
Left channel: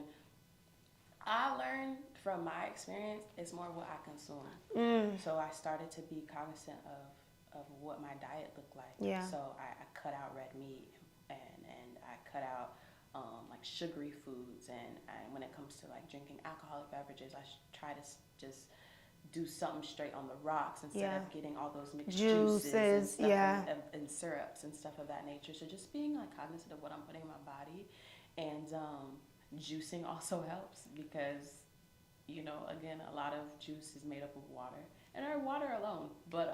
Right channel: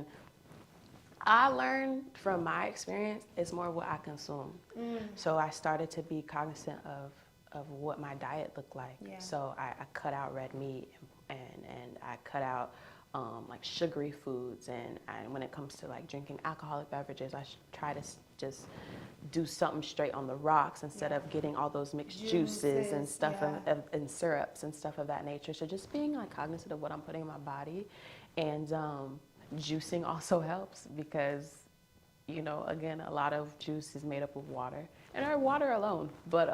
I learned from my experience, it's more what I consume. So I started to be cognizant of what my diet looked like. Yeah. So I cut out red meat and I cut out like sugary foods and when it comes to like drinking alcoholic beverages, I try to just do something straight on the rocks instead of getting all those mixed juices and stuff and syrups and stuff of that nature. So just being like cognizant of what I'm putting in my body and juicing also helps because, you know, again, a lot of juice is made up of water and our water alone, but,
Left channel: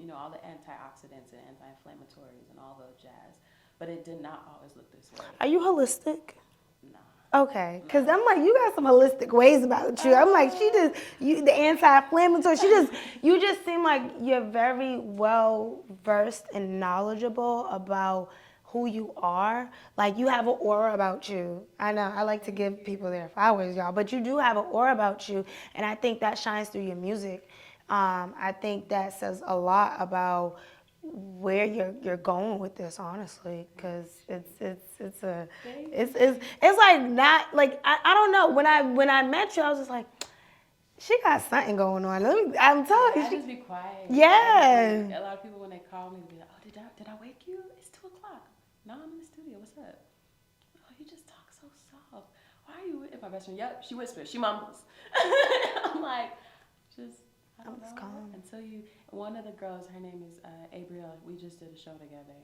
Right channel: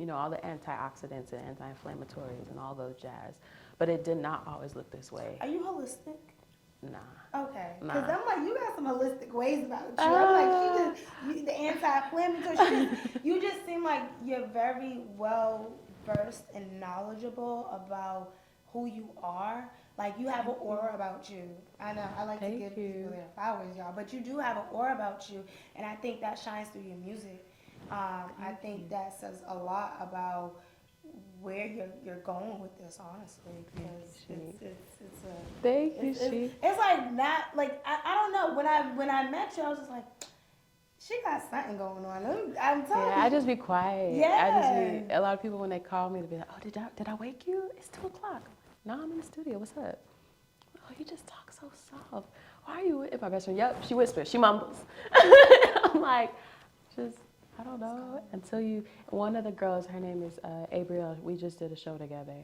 you know, all the antioxidants and anti-inflammatories and all those jazz. but it did not always look this way. Are you holistic? Nah. Okay, because I'm like, you got some holistic ways about you. I'm like, the anti-inflammatory. You just seem like you're very well versed and knowledgeable about who you are. Like, you have an aura about you. I know, I like to give people their flowers, y'all, but you do have an aura about you, and I think that shines through your music. I think that says a lot about where you're going with this, honestly, because it's like not like I don't know, when I met you I was just like, she got something going on. I'm telling you, I just be quiet. Yeah. A lot of people when they call me, they be like, "Oh, did I wake you? It's 2:00. No, I'm in the studio. What's up? Oh, you just talk so soft. Why are you with my best friend? Yep, she whispers, she mumbles." I'm like, I don't know. Until one of the girls, her name is Abrielle, we just did a show together,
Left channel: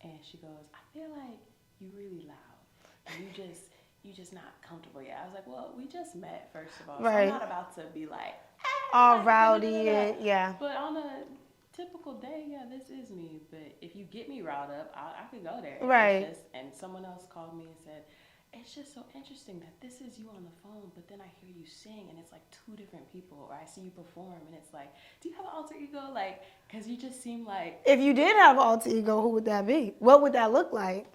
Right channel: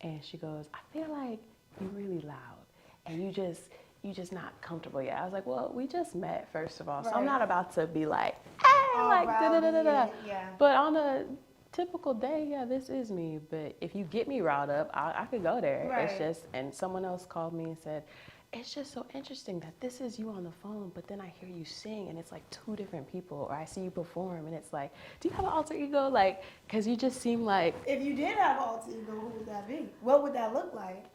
and she goes, "I feel like you're really loud, and you just not comfortable yet." I was like, well, we just met, first of all, so I'm not about to be like, all like, rowdy, yeah. But on a typical day, yeah, this is me. But if you get me riled up, I could go there. Right. And someone else called me and said, "It's just so interesting that this is you on the phone, but then I hear you sing and it's like two different people, or I see you perform and it's like, do you have an alter ego?" Like, because you just seem like... If you did have an alter ego, who would that be? What would that look like?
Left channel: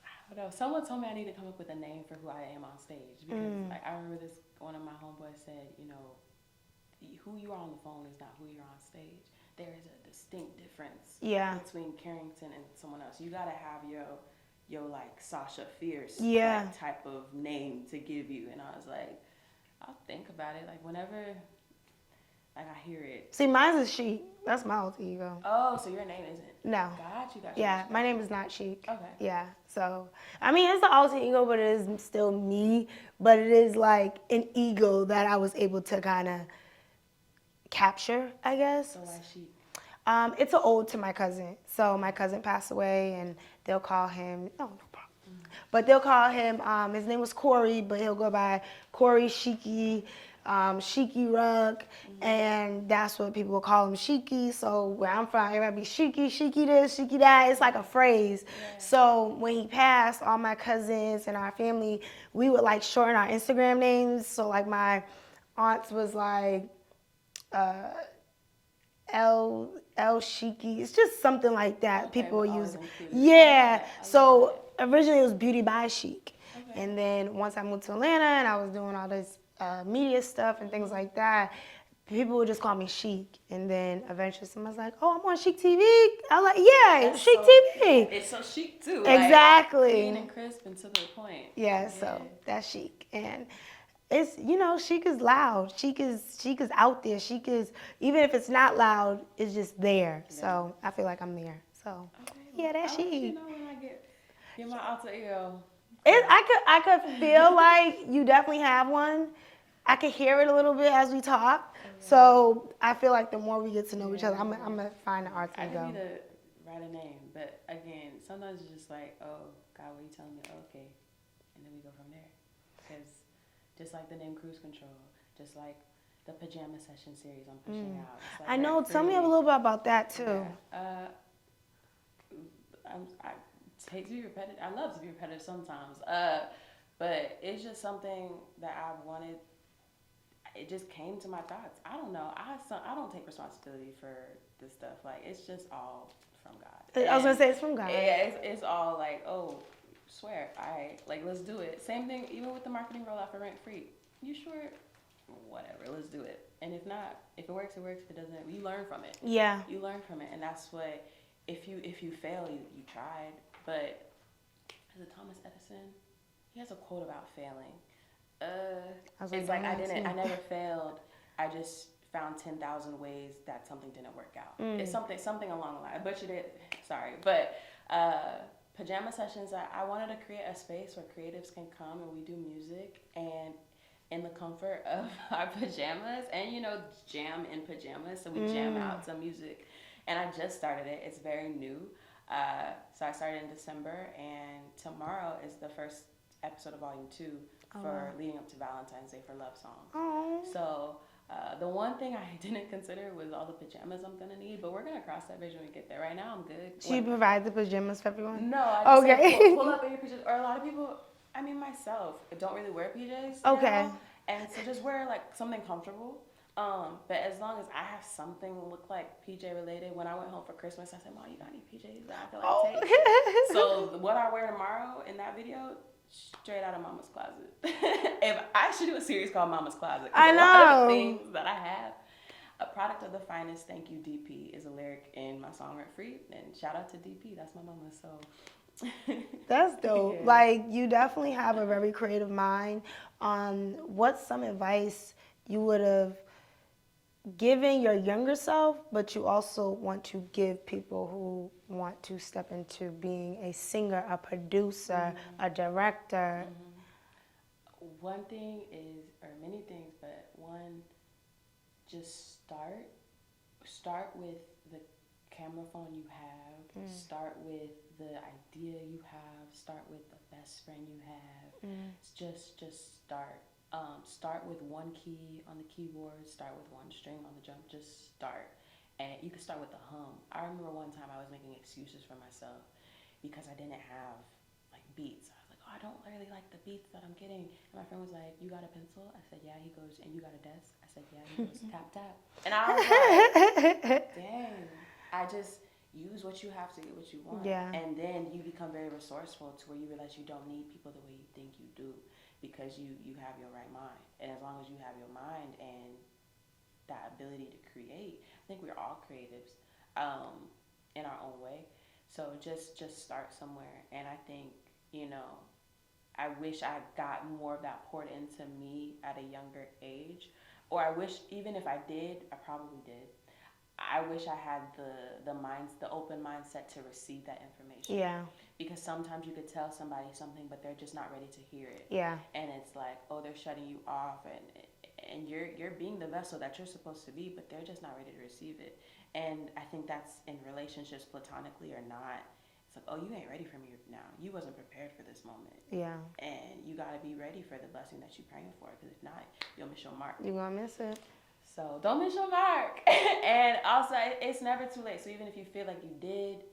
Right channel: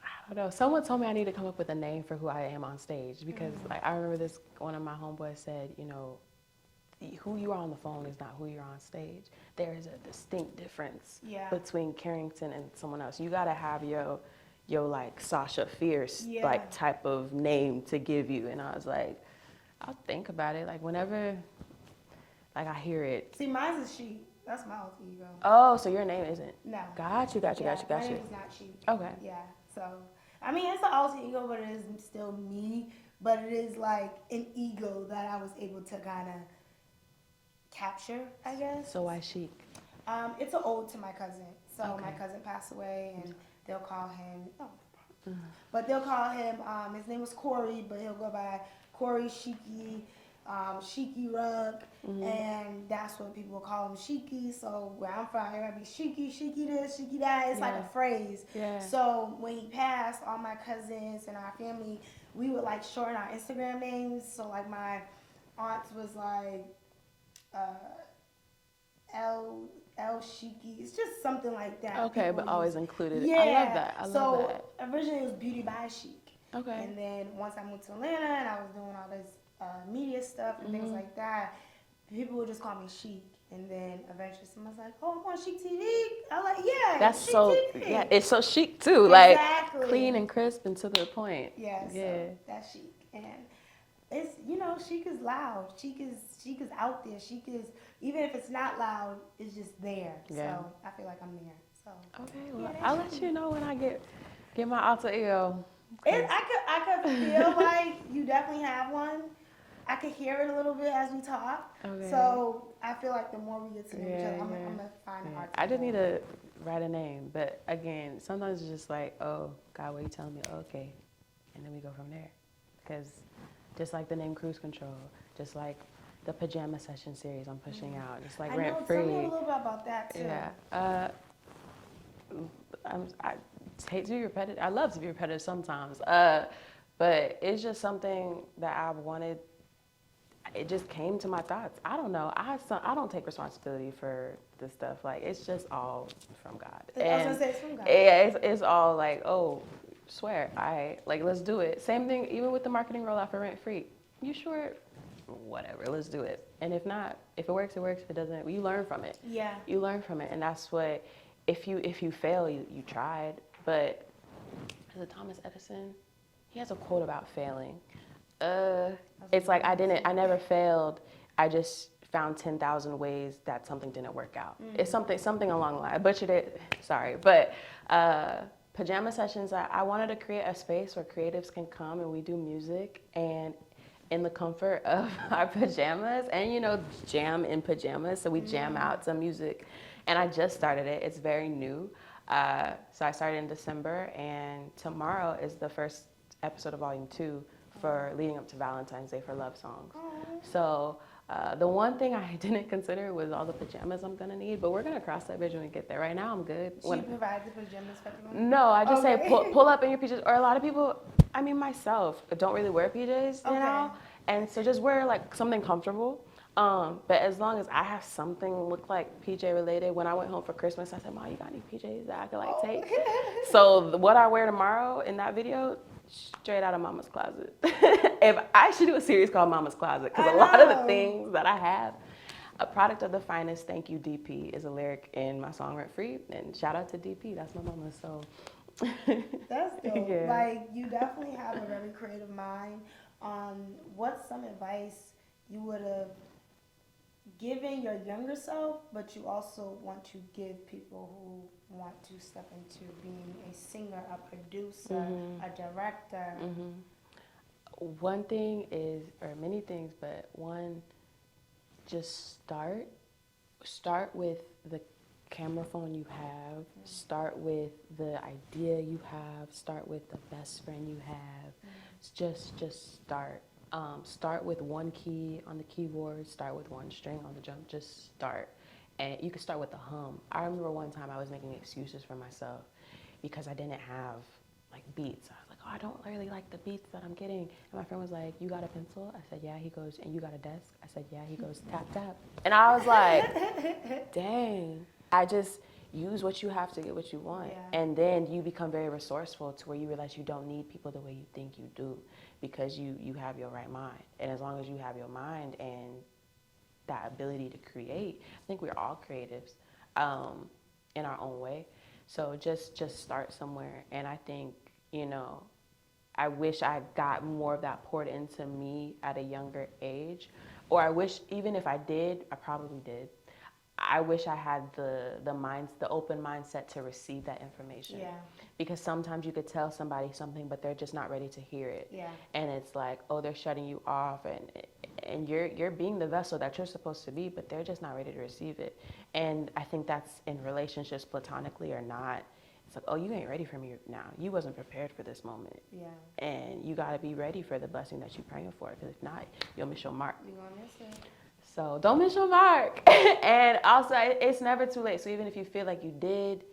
I don't know. Someone told me I need to come up with a name for who I am on stage, because like I remember one of my homeboys said, who you are on the phone is not who you're on stage. There is a distinct difference between Carrington and someone else. You gotta have your like Sasha Fierce like type of name to give you. And I was like, I'll think about it. Like whenever like I hear it. See, mine's is Sheek. That's my alter ego. Oh, so your name isn't? No. Got you. Yeah, my name is not Sheek. Okay. Yeah. So, I mean, it's an alter ego, but it is still me. But it is like an ego that I was able to kind of capture, I guess. So why Sheek? It's an ode to my cousin. So my cousin passed away, and they'll call him, no problem. But they'll call him, his name was Corey, but he'll go by Corey Sheeky, Sheeky Rug, and that's what people will call him, Sheeky. So where I'm from, everybody be Sheeky, Sheeky this, Sheeky that. It's like a phrase. Yeah. So when he passed, all my cousins and our family, we would like shorten our Instagram names. So like my aunt's was like L Sheeky. It's just something like that. Okay, people but always use. included. Yeah. I love So that. originally it was Beauty by Sheek. Okay. And then once I moved to Atlanta and I was doing all this media stuff and things like that, people would just call me Sheek. And then eventually someone's like, "Oh, I'm on Sheek TV." I was like, "Yeah, it's Sheek TV." Yeah, it's so chic too. Exactly. Like clean and crisp and to the point. Yeah, so that's Sheek. And it's, Sheek is loud. Sheek is out there. Sheek is, even if it's not loud, it's just there. Yeah. So I feel like I'm there. So okay, that's Sheek. I'll let you know when I get my alter ego. I could feel like you definitely have one. I could hear it a little bit as we talk. Okay. So I feel like the more we get to know each other, I'm gonna find an alter ego. I didn't need to write a name, but again, sometimes it's just like, "Oh God, what are you telling me?" Okay, and then we go from there. Because just like the name Cruise Control, just like the Pajama Session series I'm pushing out. Just like I know. Tell me a little bit about that too. Yeah. I hate to be repetitive. I love to be repetitive sometimes. But it's just something that I've wanted. It just came to my thoughts. I don't know. I don't take responsibility for this stuff. Like, it's just all from God. I was gonna say it's from God. Yeah, it's all like, oh, swear, like, let's do it. Same thing, even with the marketing rollout for Rent Free. You sure? Whatever, let's do it. And if not, if it works, it works. If it doesn't, you learn from it. Yeah. You learn from it, and that's what. If you fail, you tried. But is it Thomas Edison? He has a quote about failing. It's like I never failed. I just found 10,000 ways that something didn't work out. It's something along the line. I butchered it. Sorry, but Pajama Sessions. I wanted to create a space where creatives can come and we do music and in the comfort of our pajamas and jam in pajamas. So we jam out some music, and I just started it. It's very new. So I started in December, and tomorrow is the first episode of Volume 2 for leading up to Valentine's Day for Love Songs. So The one thing I didn't consider was all the pajamas I'm gonna need, but we're gonna cross that bridge when we get there. Right now, I'm good. She provides the pajamas for everyone? No, I just Okay. said pull up in your PJs. Or a lot of people, I mean myself, don't really wear PJs. You Okay. know? And so just wear like something comfortable. But as long as I have something look like PJ related, when I went home for Christmas, I said, "Mom, you got any PJs that I could like take?" So what I wear tomorrow in that video, straight out of Mama's closet. If I should do a series called Mama's Closet, because a lot of the things that I have, a product of the finest. Thank you, DP, is a lyric in my song Rent Free, and shout out to DP. That's my mama. So That's dope. Yeah. Like, you definitely have a very creative mind. What's some advice you would have given your younger self, but you also want to give people who want to step into being a singer, a producer, a director? One thing is, or many things, but one, just start with the camera phone you have, start with the idea you have, start with the best friend you have. Just start. Start with one key on the keyboard, start with one string on the drum, just start. And you can start with the hum. I remember one time I was making excuses for myself because I didn't have like beats. I was like, oh, I don't really like the beats that I'm getting. And my friend was like, you got a pencil? I said, yeah. He goes, and you got a desk? I said, yeah. He goes, tap, tap. And I was like, dang. I just use what you have to get what you want. Yeah. And then you become very resourceful to where you realize you don't need people the way you think you do, because you have your right mind. And as long as you have your mind and that ability to create, I think we're all creatives in our own way. So just start somewhere. And I think, I wish I got more of that poured into me at a younger age. Or I wish, even if I did, I probably did, I wish I had the open mindset to receive that information. Yeah. Because sometimes you could tell somebody something, but they're just not ready to hear it. Yeah. And it's like, oh, they're shutting you off, and you're being the vessel that you're supposed to be, but they're just not ready to receive it. And I think that's in relationships, platonically or not. It's like, oh, you ain't ready for me now. You wasn't prepared for this moment. Yeah. And you got to be ready for the blessing that you're praying for, because if not, you'll miss your mark. You're going to miss it. So don't miss your mark. And also, it's never too late. So even if you feel like you did,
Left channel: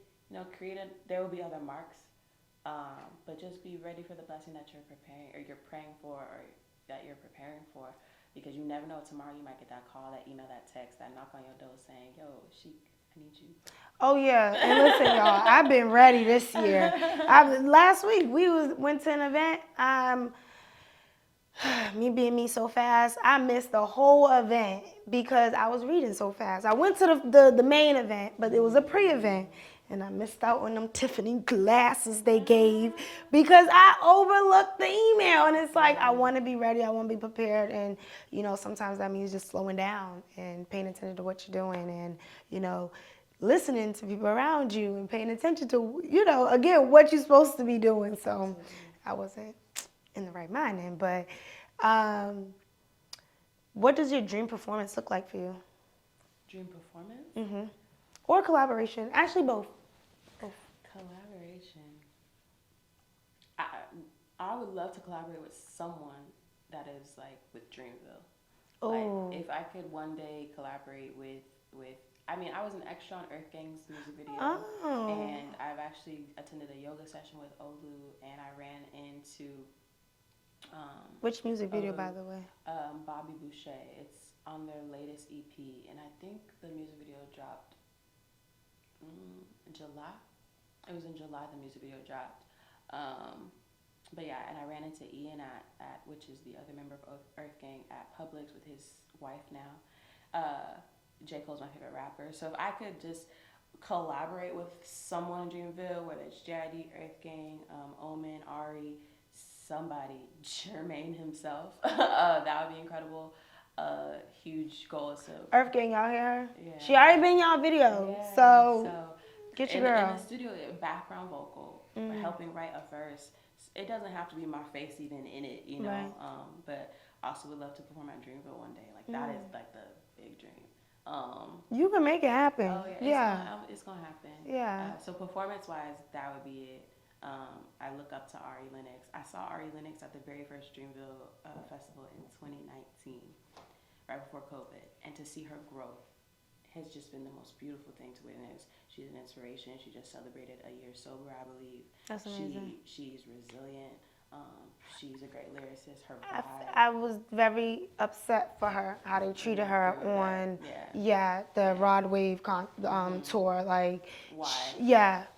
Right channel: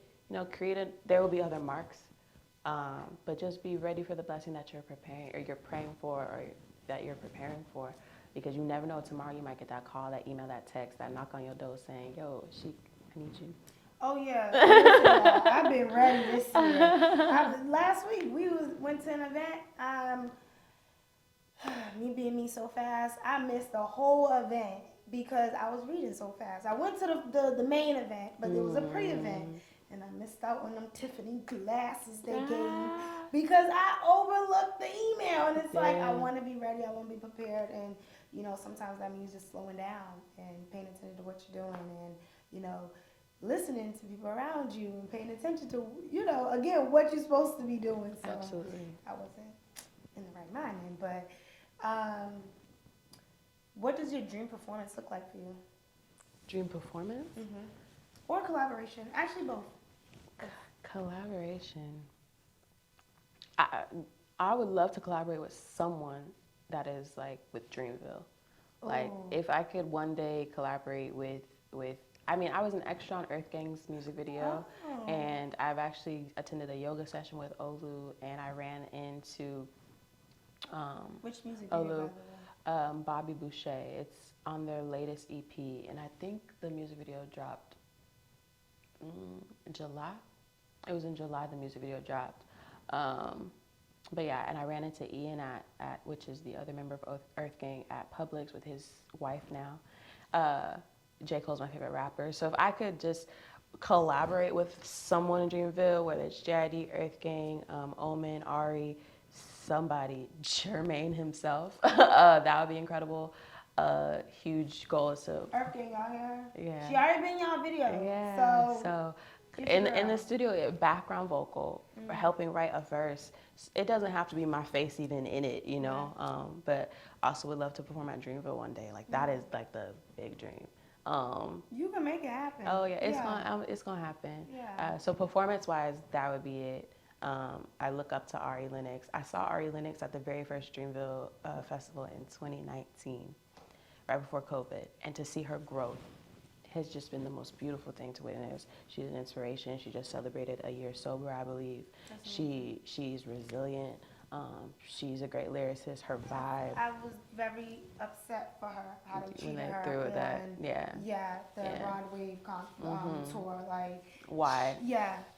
there will be other marks. But just be ready for the blessing that you're preparing, or you're praying for, or that you're preparing for. Because you never know, tomorrow you might get that call, that email, that text, that knock on your door saying, yo, Sheek, I need you. Oh, yeah. Listen, y'all, I've been ready this year. Last week, we went to an event. Me being me so fast, I missed the whole event because I was reading so fast. I went to the main event, but it was a pre-event, and I missed out on them Tiffany glasses they gave because I overlooked the email. And it's like, I want to be ready, I want to be prepared, and sometimes that means just slowing down and paying attention to what you're doing, and listening to people around you and paying attention to again what you're supposed to be doing. So Absolutely. I wasn't in the right mind then, but what does your dream performance look like for you? Dream performance? Or collaboration? Actually, both. Collaboration. I would love to collaborate with someone that is like with Dreamville. Like if I could one day collaborate with I was an extra on Earth Gang's music video, and I've actually attended a yoga session with Olu, and I ran into which music video, Olu, by the way? Bobby Boucher. It's on their latest EP, and I think the music video dropped in July. It was in July the music video dropped. But yeah, and I ran into Ian at which is the other member of Earth Gang, at Publix with his wife now. J. Cole's my favorite rapper. So if I could just collaborate with someone in Dreamville, whether it's JID, Earth Gang, Omen, Ari, somebody, Jermaine himself, that would be incredible. Huge goal is to... Earth Gang out here? Yeah. She already been in y'all video. Yeah. So get your in girl. the studio, background vocal, helping write a verse. It doesn't have to be my face even in it, Right. But also would love to perform at Dreamville one day. Like that is like the big dream. You can make it happen. Oh yeah, it's gonna happen. Yeah. So performance-wise, that would be it. I look up to Ari Lennox. I saw Ari Lennox at the very first Dreamville festival in 2019. right before COVID, and to see her growth has just been the most beautiful thing to witness. She's an inspiration. She just celebrated a year sober, I believe. That's amazing. She's resilient. She's a great lyricist. Her vibe. I was very upset for her, how they treated her on the Rod Wave tour. Like, why?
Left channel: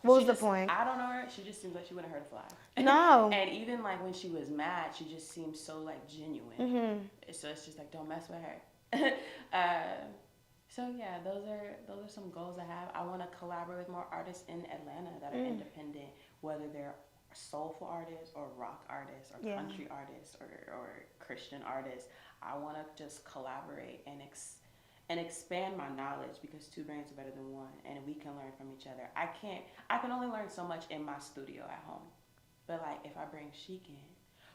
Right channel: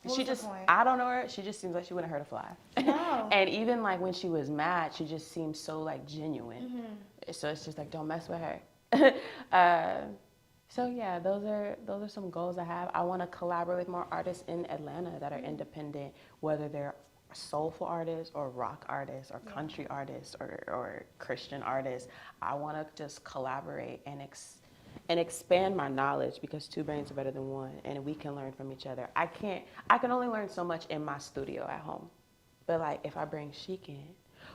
What was the point? I don't know her. She just seems like she wouldn't hurt a fly. No. And even like when she was mad, she just seemed so like genuine. So it's just like, don't mess with her. So yeah, those are some goals I have. I want to collaborate with more artists in Atlanta that are independent, whether they're soulful artists or rock artists or country artists or Christian artists. I want to just collaborate and expand my knowledge, because two brains are better than one, and we can learn from each other. I can only learn so much in my studio at home, but like if I bring Sheek in,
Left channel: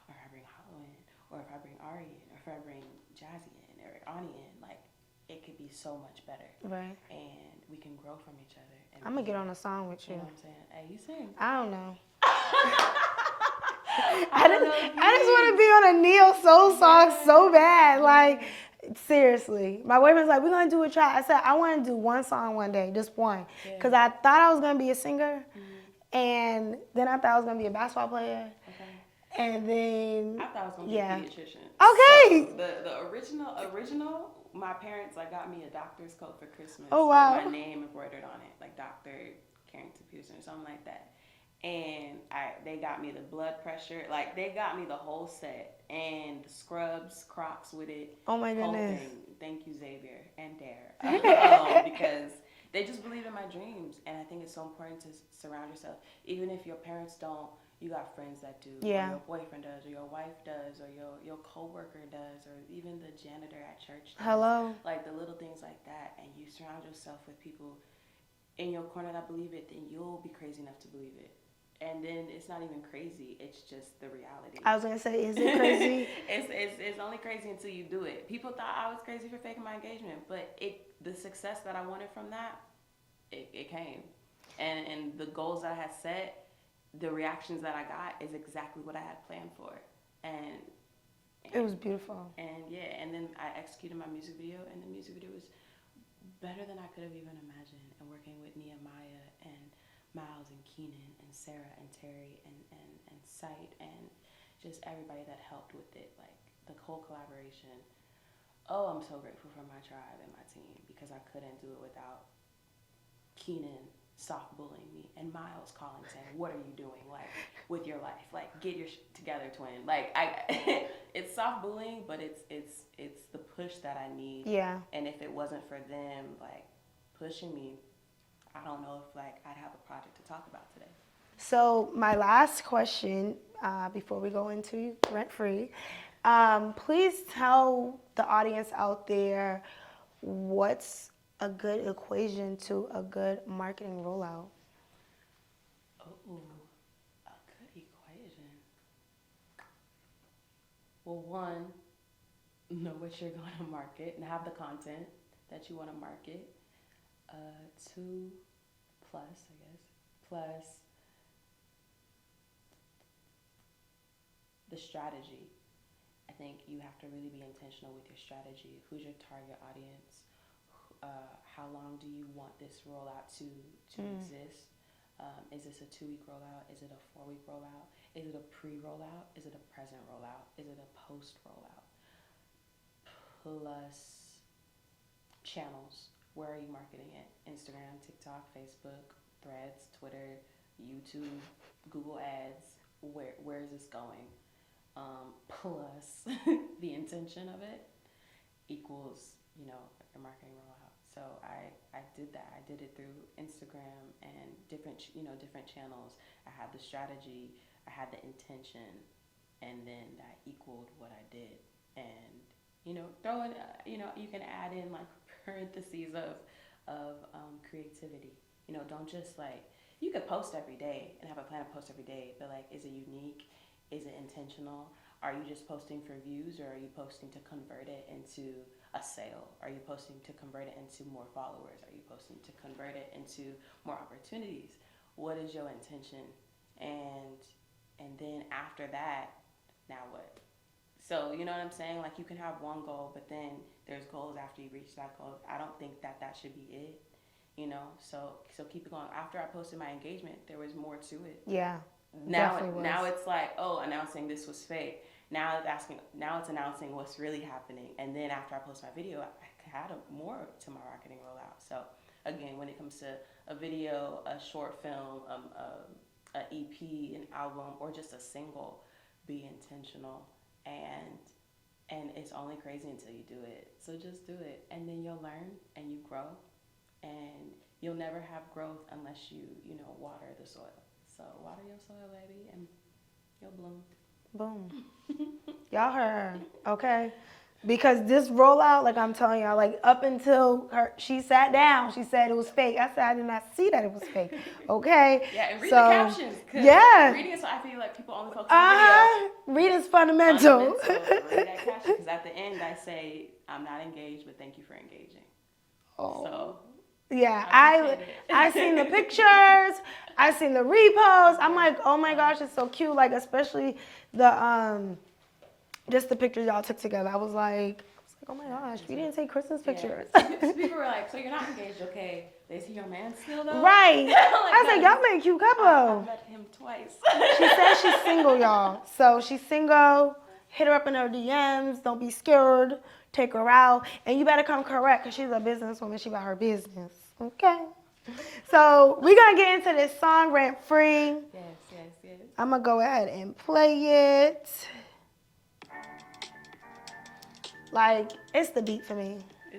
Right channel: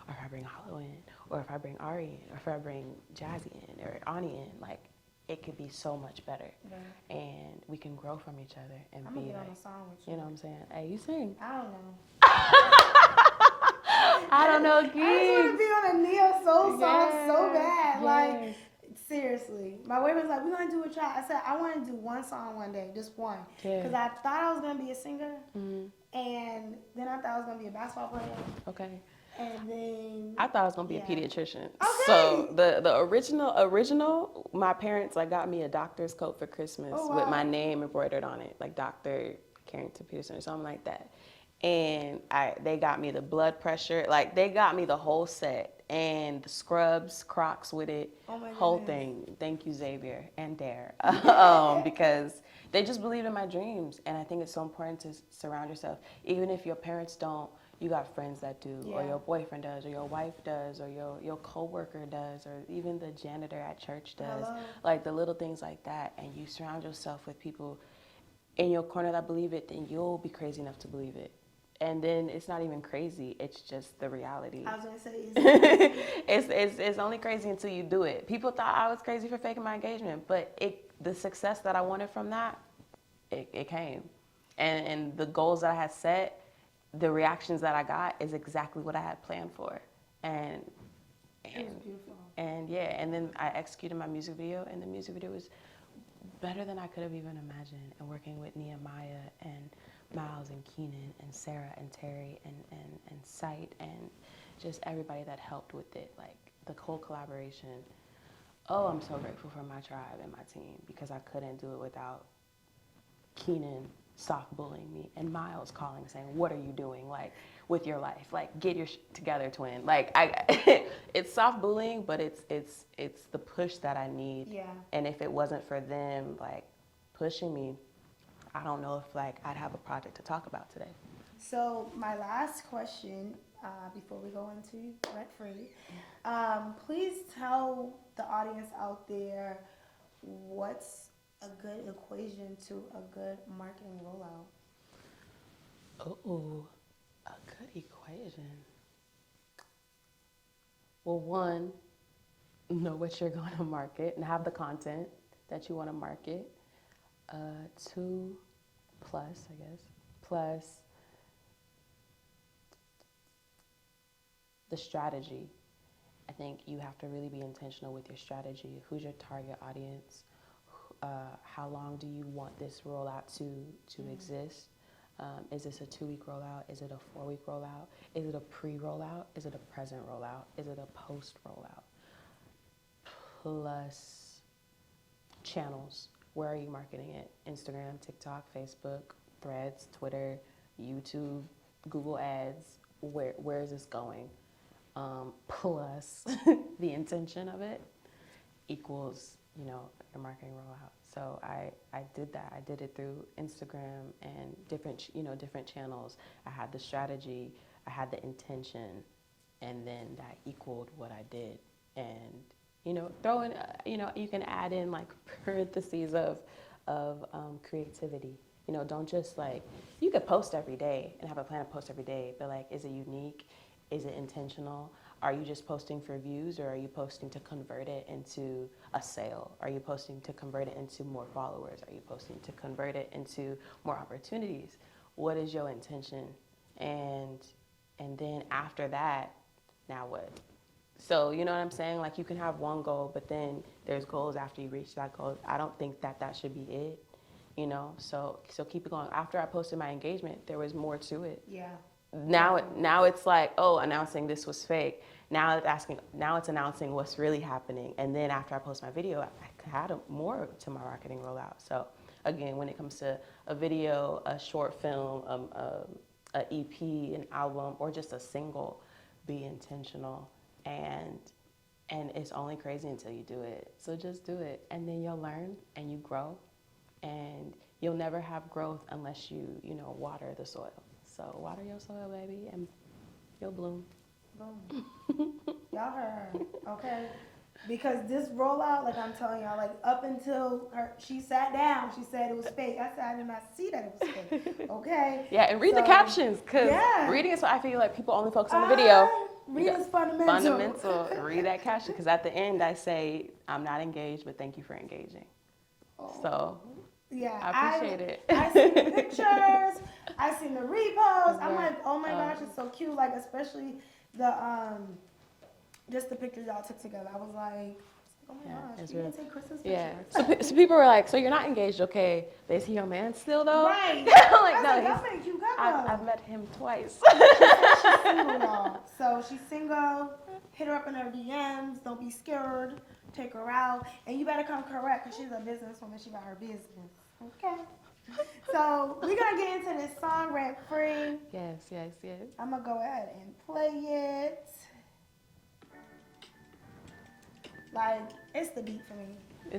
or if I bring Hollow in, or if I bring Ari in, or if I bring Jazzy in or Ani in, like, it could be so much better. Right. And we can grow from each other. And I'm going to get on a song with you. You know what I'm saying? Hey, you sing. I don't know. I just want to be on a neo soul song so bad. Like, seriously. My boyfriend's like, we're going to do a track. I said, I want to do one song one day, just one. Because I thought I was going to be a singer. And then I thought I was going to be a basketball player. Okay. And then I thought I was gonna be a pediatrician. Okay. So the original, my parents like got me a doctor's coat for Christmas with my name embroidered on it, like Dr. Carrington Peterson or something like that. And they got me the blood pressure, like they got me the whole set, and the scrubs, Crocs with it, whole thing. Thank you, Xavier and Dare, because they just believe in my dreams, and I think it's so important to surround yourself, even if your parents don't. You got friends that do, or your boyfriend does, or your wife does, or your coworker does, or even the janitor at church does. Hello. Like the little things like that, and you surround yourself with people in your corner that believe it, then you'll be crazy enough to believe it. And then it's not even crazy; it's just the reality. I was gonna say, is it crazy? It's only crazy until you do it. People thought I was crazy for faking my engagement, but the success that I wanted from that, it came, and the goals that I had set. The reactions that I got is exactly what I had planned for, and it was beautiful. And and then I executed my music video, and the music video was better than I could have even imagined. And working with Nehemiah and Miles and Keenan and Sarah and Terry and Sight and just everybody that helped with it, like the whole collaboration. Oh, I'm so grateful for my tribe and my team, because I couldn't do it without Keenan soft bullying me and Miles calling saying, what are you doing, like, with your life, like, get your together, twin. Like, it's soft bullying, but it's the push that I need. And if it wasn't for them like pushing me, I don't know if like I'd have a project to talk about today. So my last question before we go into Rent Free, please tell the audience out there what's a good equation to a good marketing rollout. Oh, a good equation. Well, one, know what you're going to market and have the content that you want to market. 2 plus, I guess, plus the strategy. I think you have to really be intentional with your strategy. Who's your target audience? How long do you want this rollout to exist? Is this a 2-week rollout? Is it a 4-week rollout? Is it a pre-rollout? Is it a present rollout? Is it a post-rollout? Plus channels. Where are you marketing it? Instagram, TikTok, Facebook, Threads, Twitter, YouTube, Google Ads. Where is this going? Plus the intention of it equals, your marketing rollout. So I did that. I did it through Instagram and different channels. I had the strategy, I had the intention, and then that equaled what I did. And throw in, you can add in like parentheses of creativity. Don't just like, you could post every day and have a plan to post every day, but like, is it unique? Is it intentional? Are you just posting for views, or are you posting to convert it into a sale? Are you posting to convert it into more followers? Are you posting to convert it into more opportunities? What is your intention? And then after that, now what? So, you know what I'm saying? Like, you can have one goal, but then there's goals after you reach that goal. I don't think that should be it, you know? So keep it going. After I posted my engagement, there was more to it. Yeah. Now it's like, oh, announcing this was fake. Now it's announcing what's really happening. And then after I post my video, I had more to my marketing rollout. So again, when it comes to a video, a short film, a EP, an album, or just a single, be intentional. And it's only crazy until you do it. So just do it, and then you'll learn and you grow, and you'll never have growth unless you water the soil. So water your soil, baby, and you'll bloom. Boom. Y'all heard her, okay? Because this rollout, like I'm telling y'all, like up until she sat down, she said it was fake. I said I did not see that it was fake, okay? Yeah, and read the captions, because reading is so I feel like people only focus on the video. Reading's fundamental. Read that caption, because at the end I say, I'm not engaged, but thank you for engaging. Oh. So yeah, I seen the pictures, I seen the reposts. I'm like, oh my gosh, it's so cute. Like, especially the just the pictures y'all took together. I was like, oh my gosh, you didn't take Kristen's pictures. So people were like, so you're not engaged, okay? They see your man still though? Right. Like, I said, y'all make a cute couple. I've met him twice. She said she's single, y'all. So she's single. Hit her up in her DMs. Don't be scared. Take her out. And you better come correct, because she's a businesswoman. She got her business. Okay. So we're going to get into this song, Rent Free. Yes. I'm going to go ahead and play it. Like, it's the beat for me.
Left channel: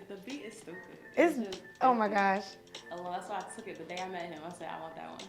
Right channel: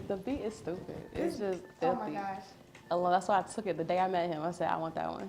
The beat is stupid. It's just oh my gosh. Well, that's why I took it the day I met him. I said, I want that one.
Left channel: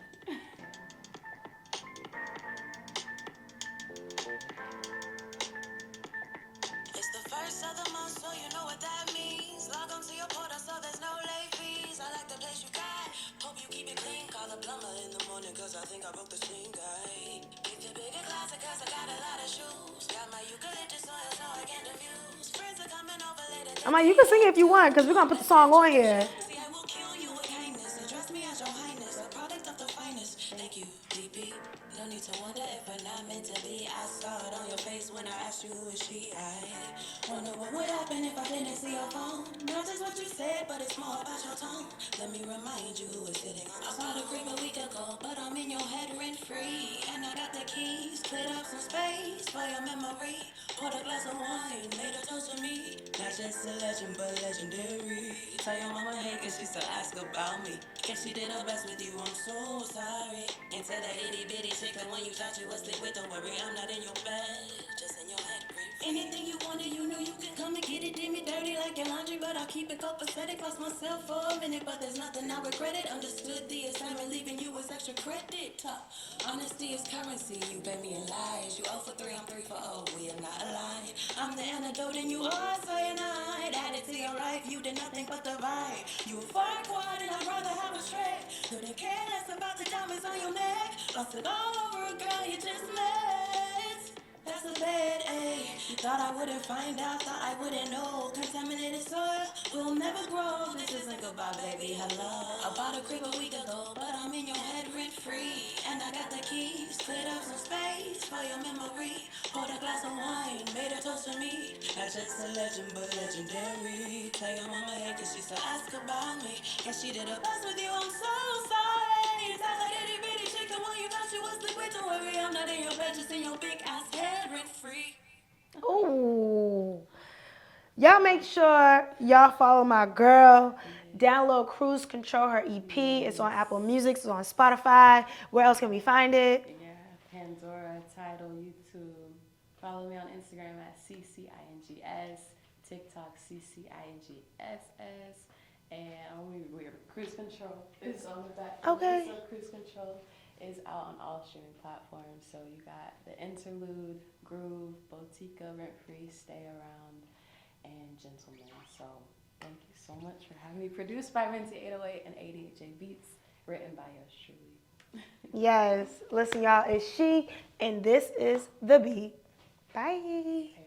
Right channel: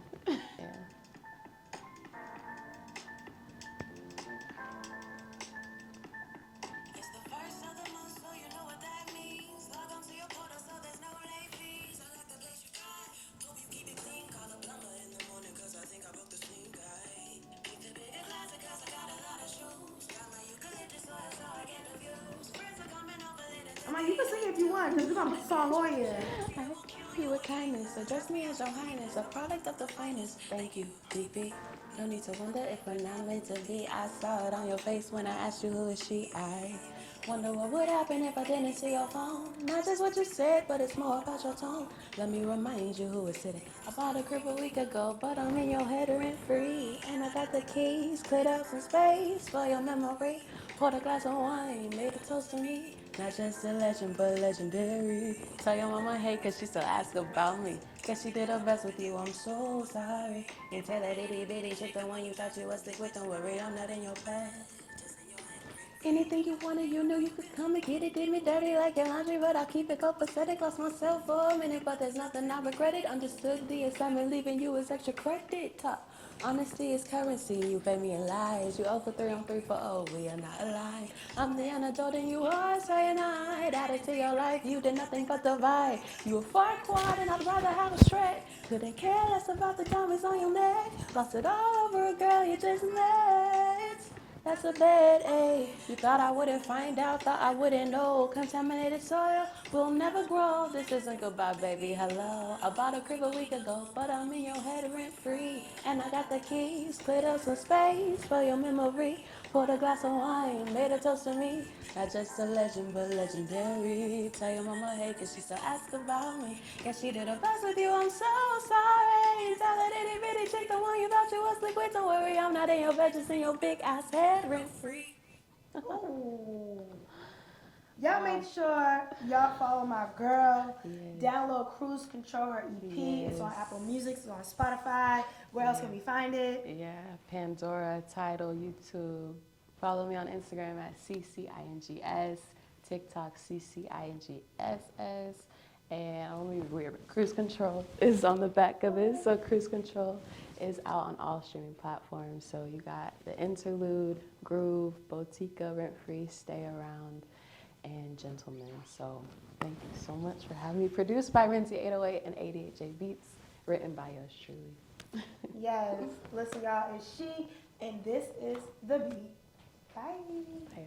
It's the first of the month, so you know what that means. Log on to your portal, so there's no late fees. I like the place you got. Hope you keep it clean. Call the plumber in the morning, cause I think I broke the steam guy. Need the bigger closet, cause I got a lot of shoes. Got my eucalyptus oil, so I can't diffuse. Friends are coming over later. I'm like, you can sing it if you want, because we're going to put the song on here. I will kill you with kindness. Address me as your highness, a product of the finest. Thank you, BP. No need to wonder if we're not meant to be. I saw it on your face when I asked you who is she. I wonder what would happen if I didn't see your phone. Not just what you said, but it's more about your tone. Let me remind you who is sitting. I saw the crib a week ago, but I'm in your head rent free. And I got the keys, cleared up some space for your memory. Poured a glass of wine, made a toast to me. Not just a legend, but legendary. Tell your mama hey, cause she still ask about me. Guess she did her best with you, I'm so sorry. Into that itty bitty shit, the one you thought you was stick with. Don't worry, I'm not in your bed, just in your head. Anything you wanted, you know you could come and get it. Did me dirty like your laundry, but I keep it copacetic. Lost myself for a minute, but there's nothing I regret it. Understood the assignment, leaving you is extra credit. Honesty is currency, you pay me in lies. You 0 for 3 on 3 for 0, we are not aligned. I'm the antidote and you are cyanide. Added to your life, you did nothing but divide. You a far quad and I'd rather have a straight. Couldn't care less about the diamonds on your neck. Lost it all over a girl you just met. That's a bad A. You thought I wouldn't find out, thought I wouldn't know. Contaminated soil will never grow. This isn't goodbye, baby. Hello. I bought a crib a week ago, but I'm in your head rent free. And I got the keys, cleared up some space for your memory. Poured a glass of wine, made a toast to me. Not just a legend, but legendary. Tell your mama hey, cause she still ask about me. Guess she did her best with you, I'm so sorry. Tell her itty bitty chick, the one you thought she was sleep with. Don't worry, I'm not in your bed, just in your big ass head rent free. Ooh. Y'all make sure y'all follow my girl. Download Cruise Control, her EP. It's on Apple Music. It's on Spotify. Where else can we find it? Yeah, Pandora, Tidal, YouTube. Follow me on Instagram at CCINGS, TikTok CCINGSS, and Cruise Control is on the back of Okay. it. So Cruise Control is out on all streaming platforms. So you got the Interlude, Groove, Botica, Rent Free, Stay Around, and Gentleman. So thank you so much for having me. Produced by Renzi 808 and 88J Beats, written by yours truly. Yes. Listen, y'all, it's She, and this is The Beat. Bye. Yeah.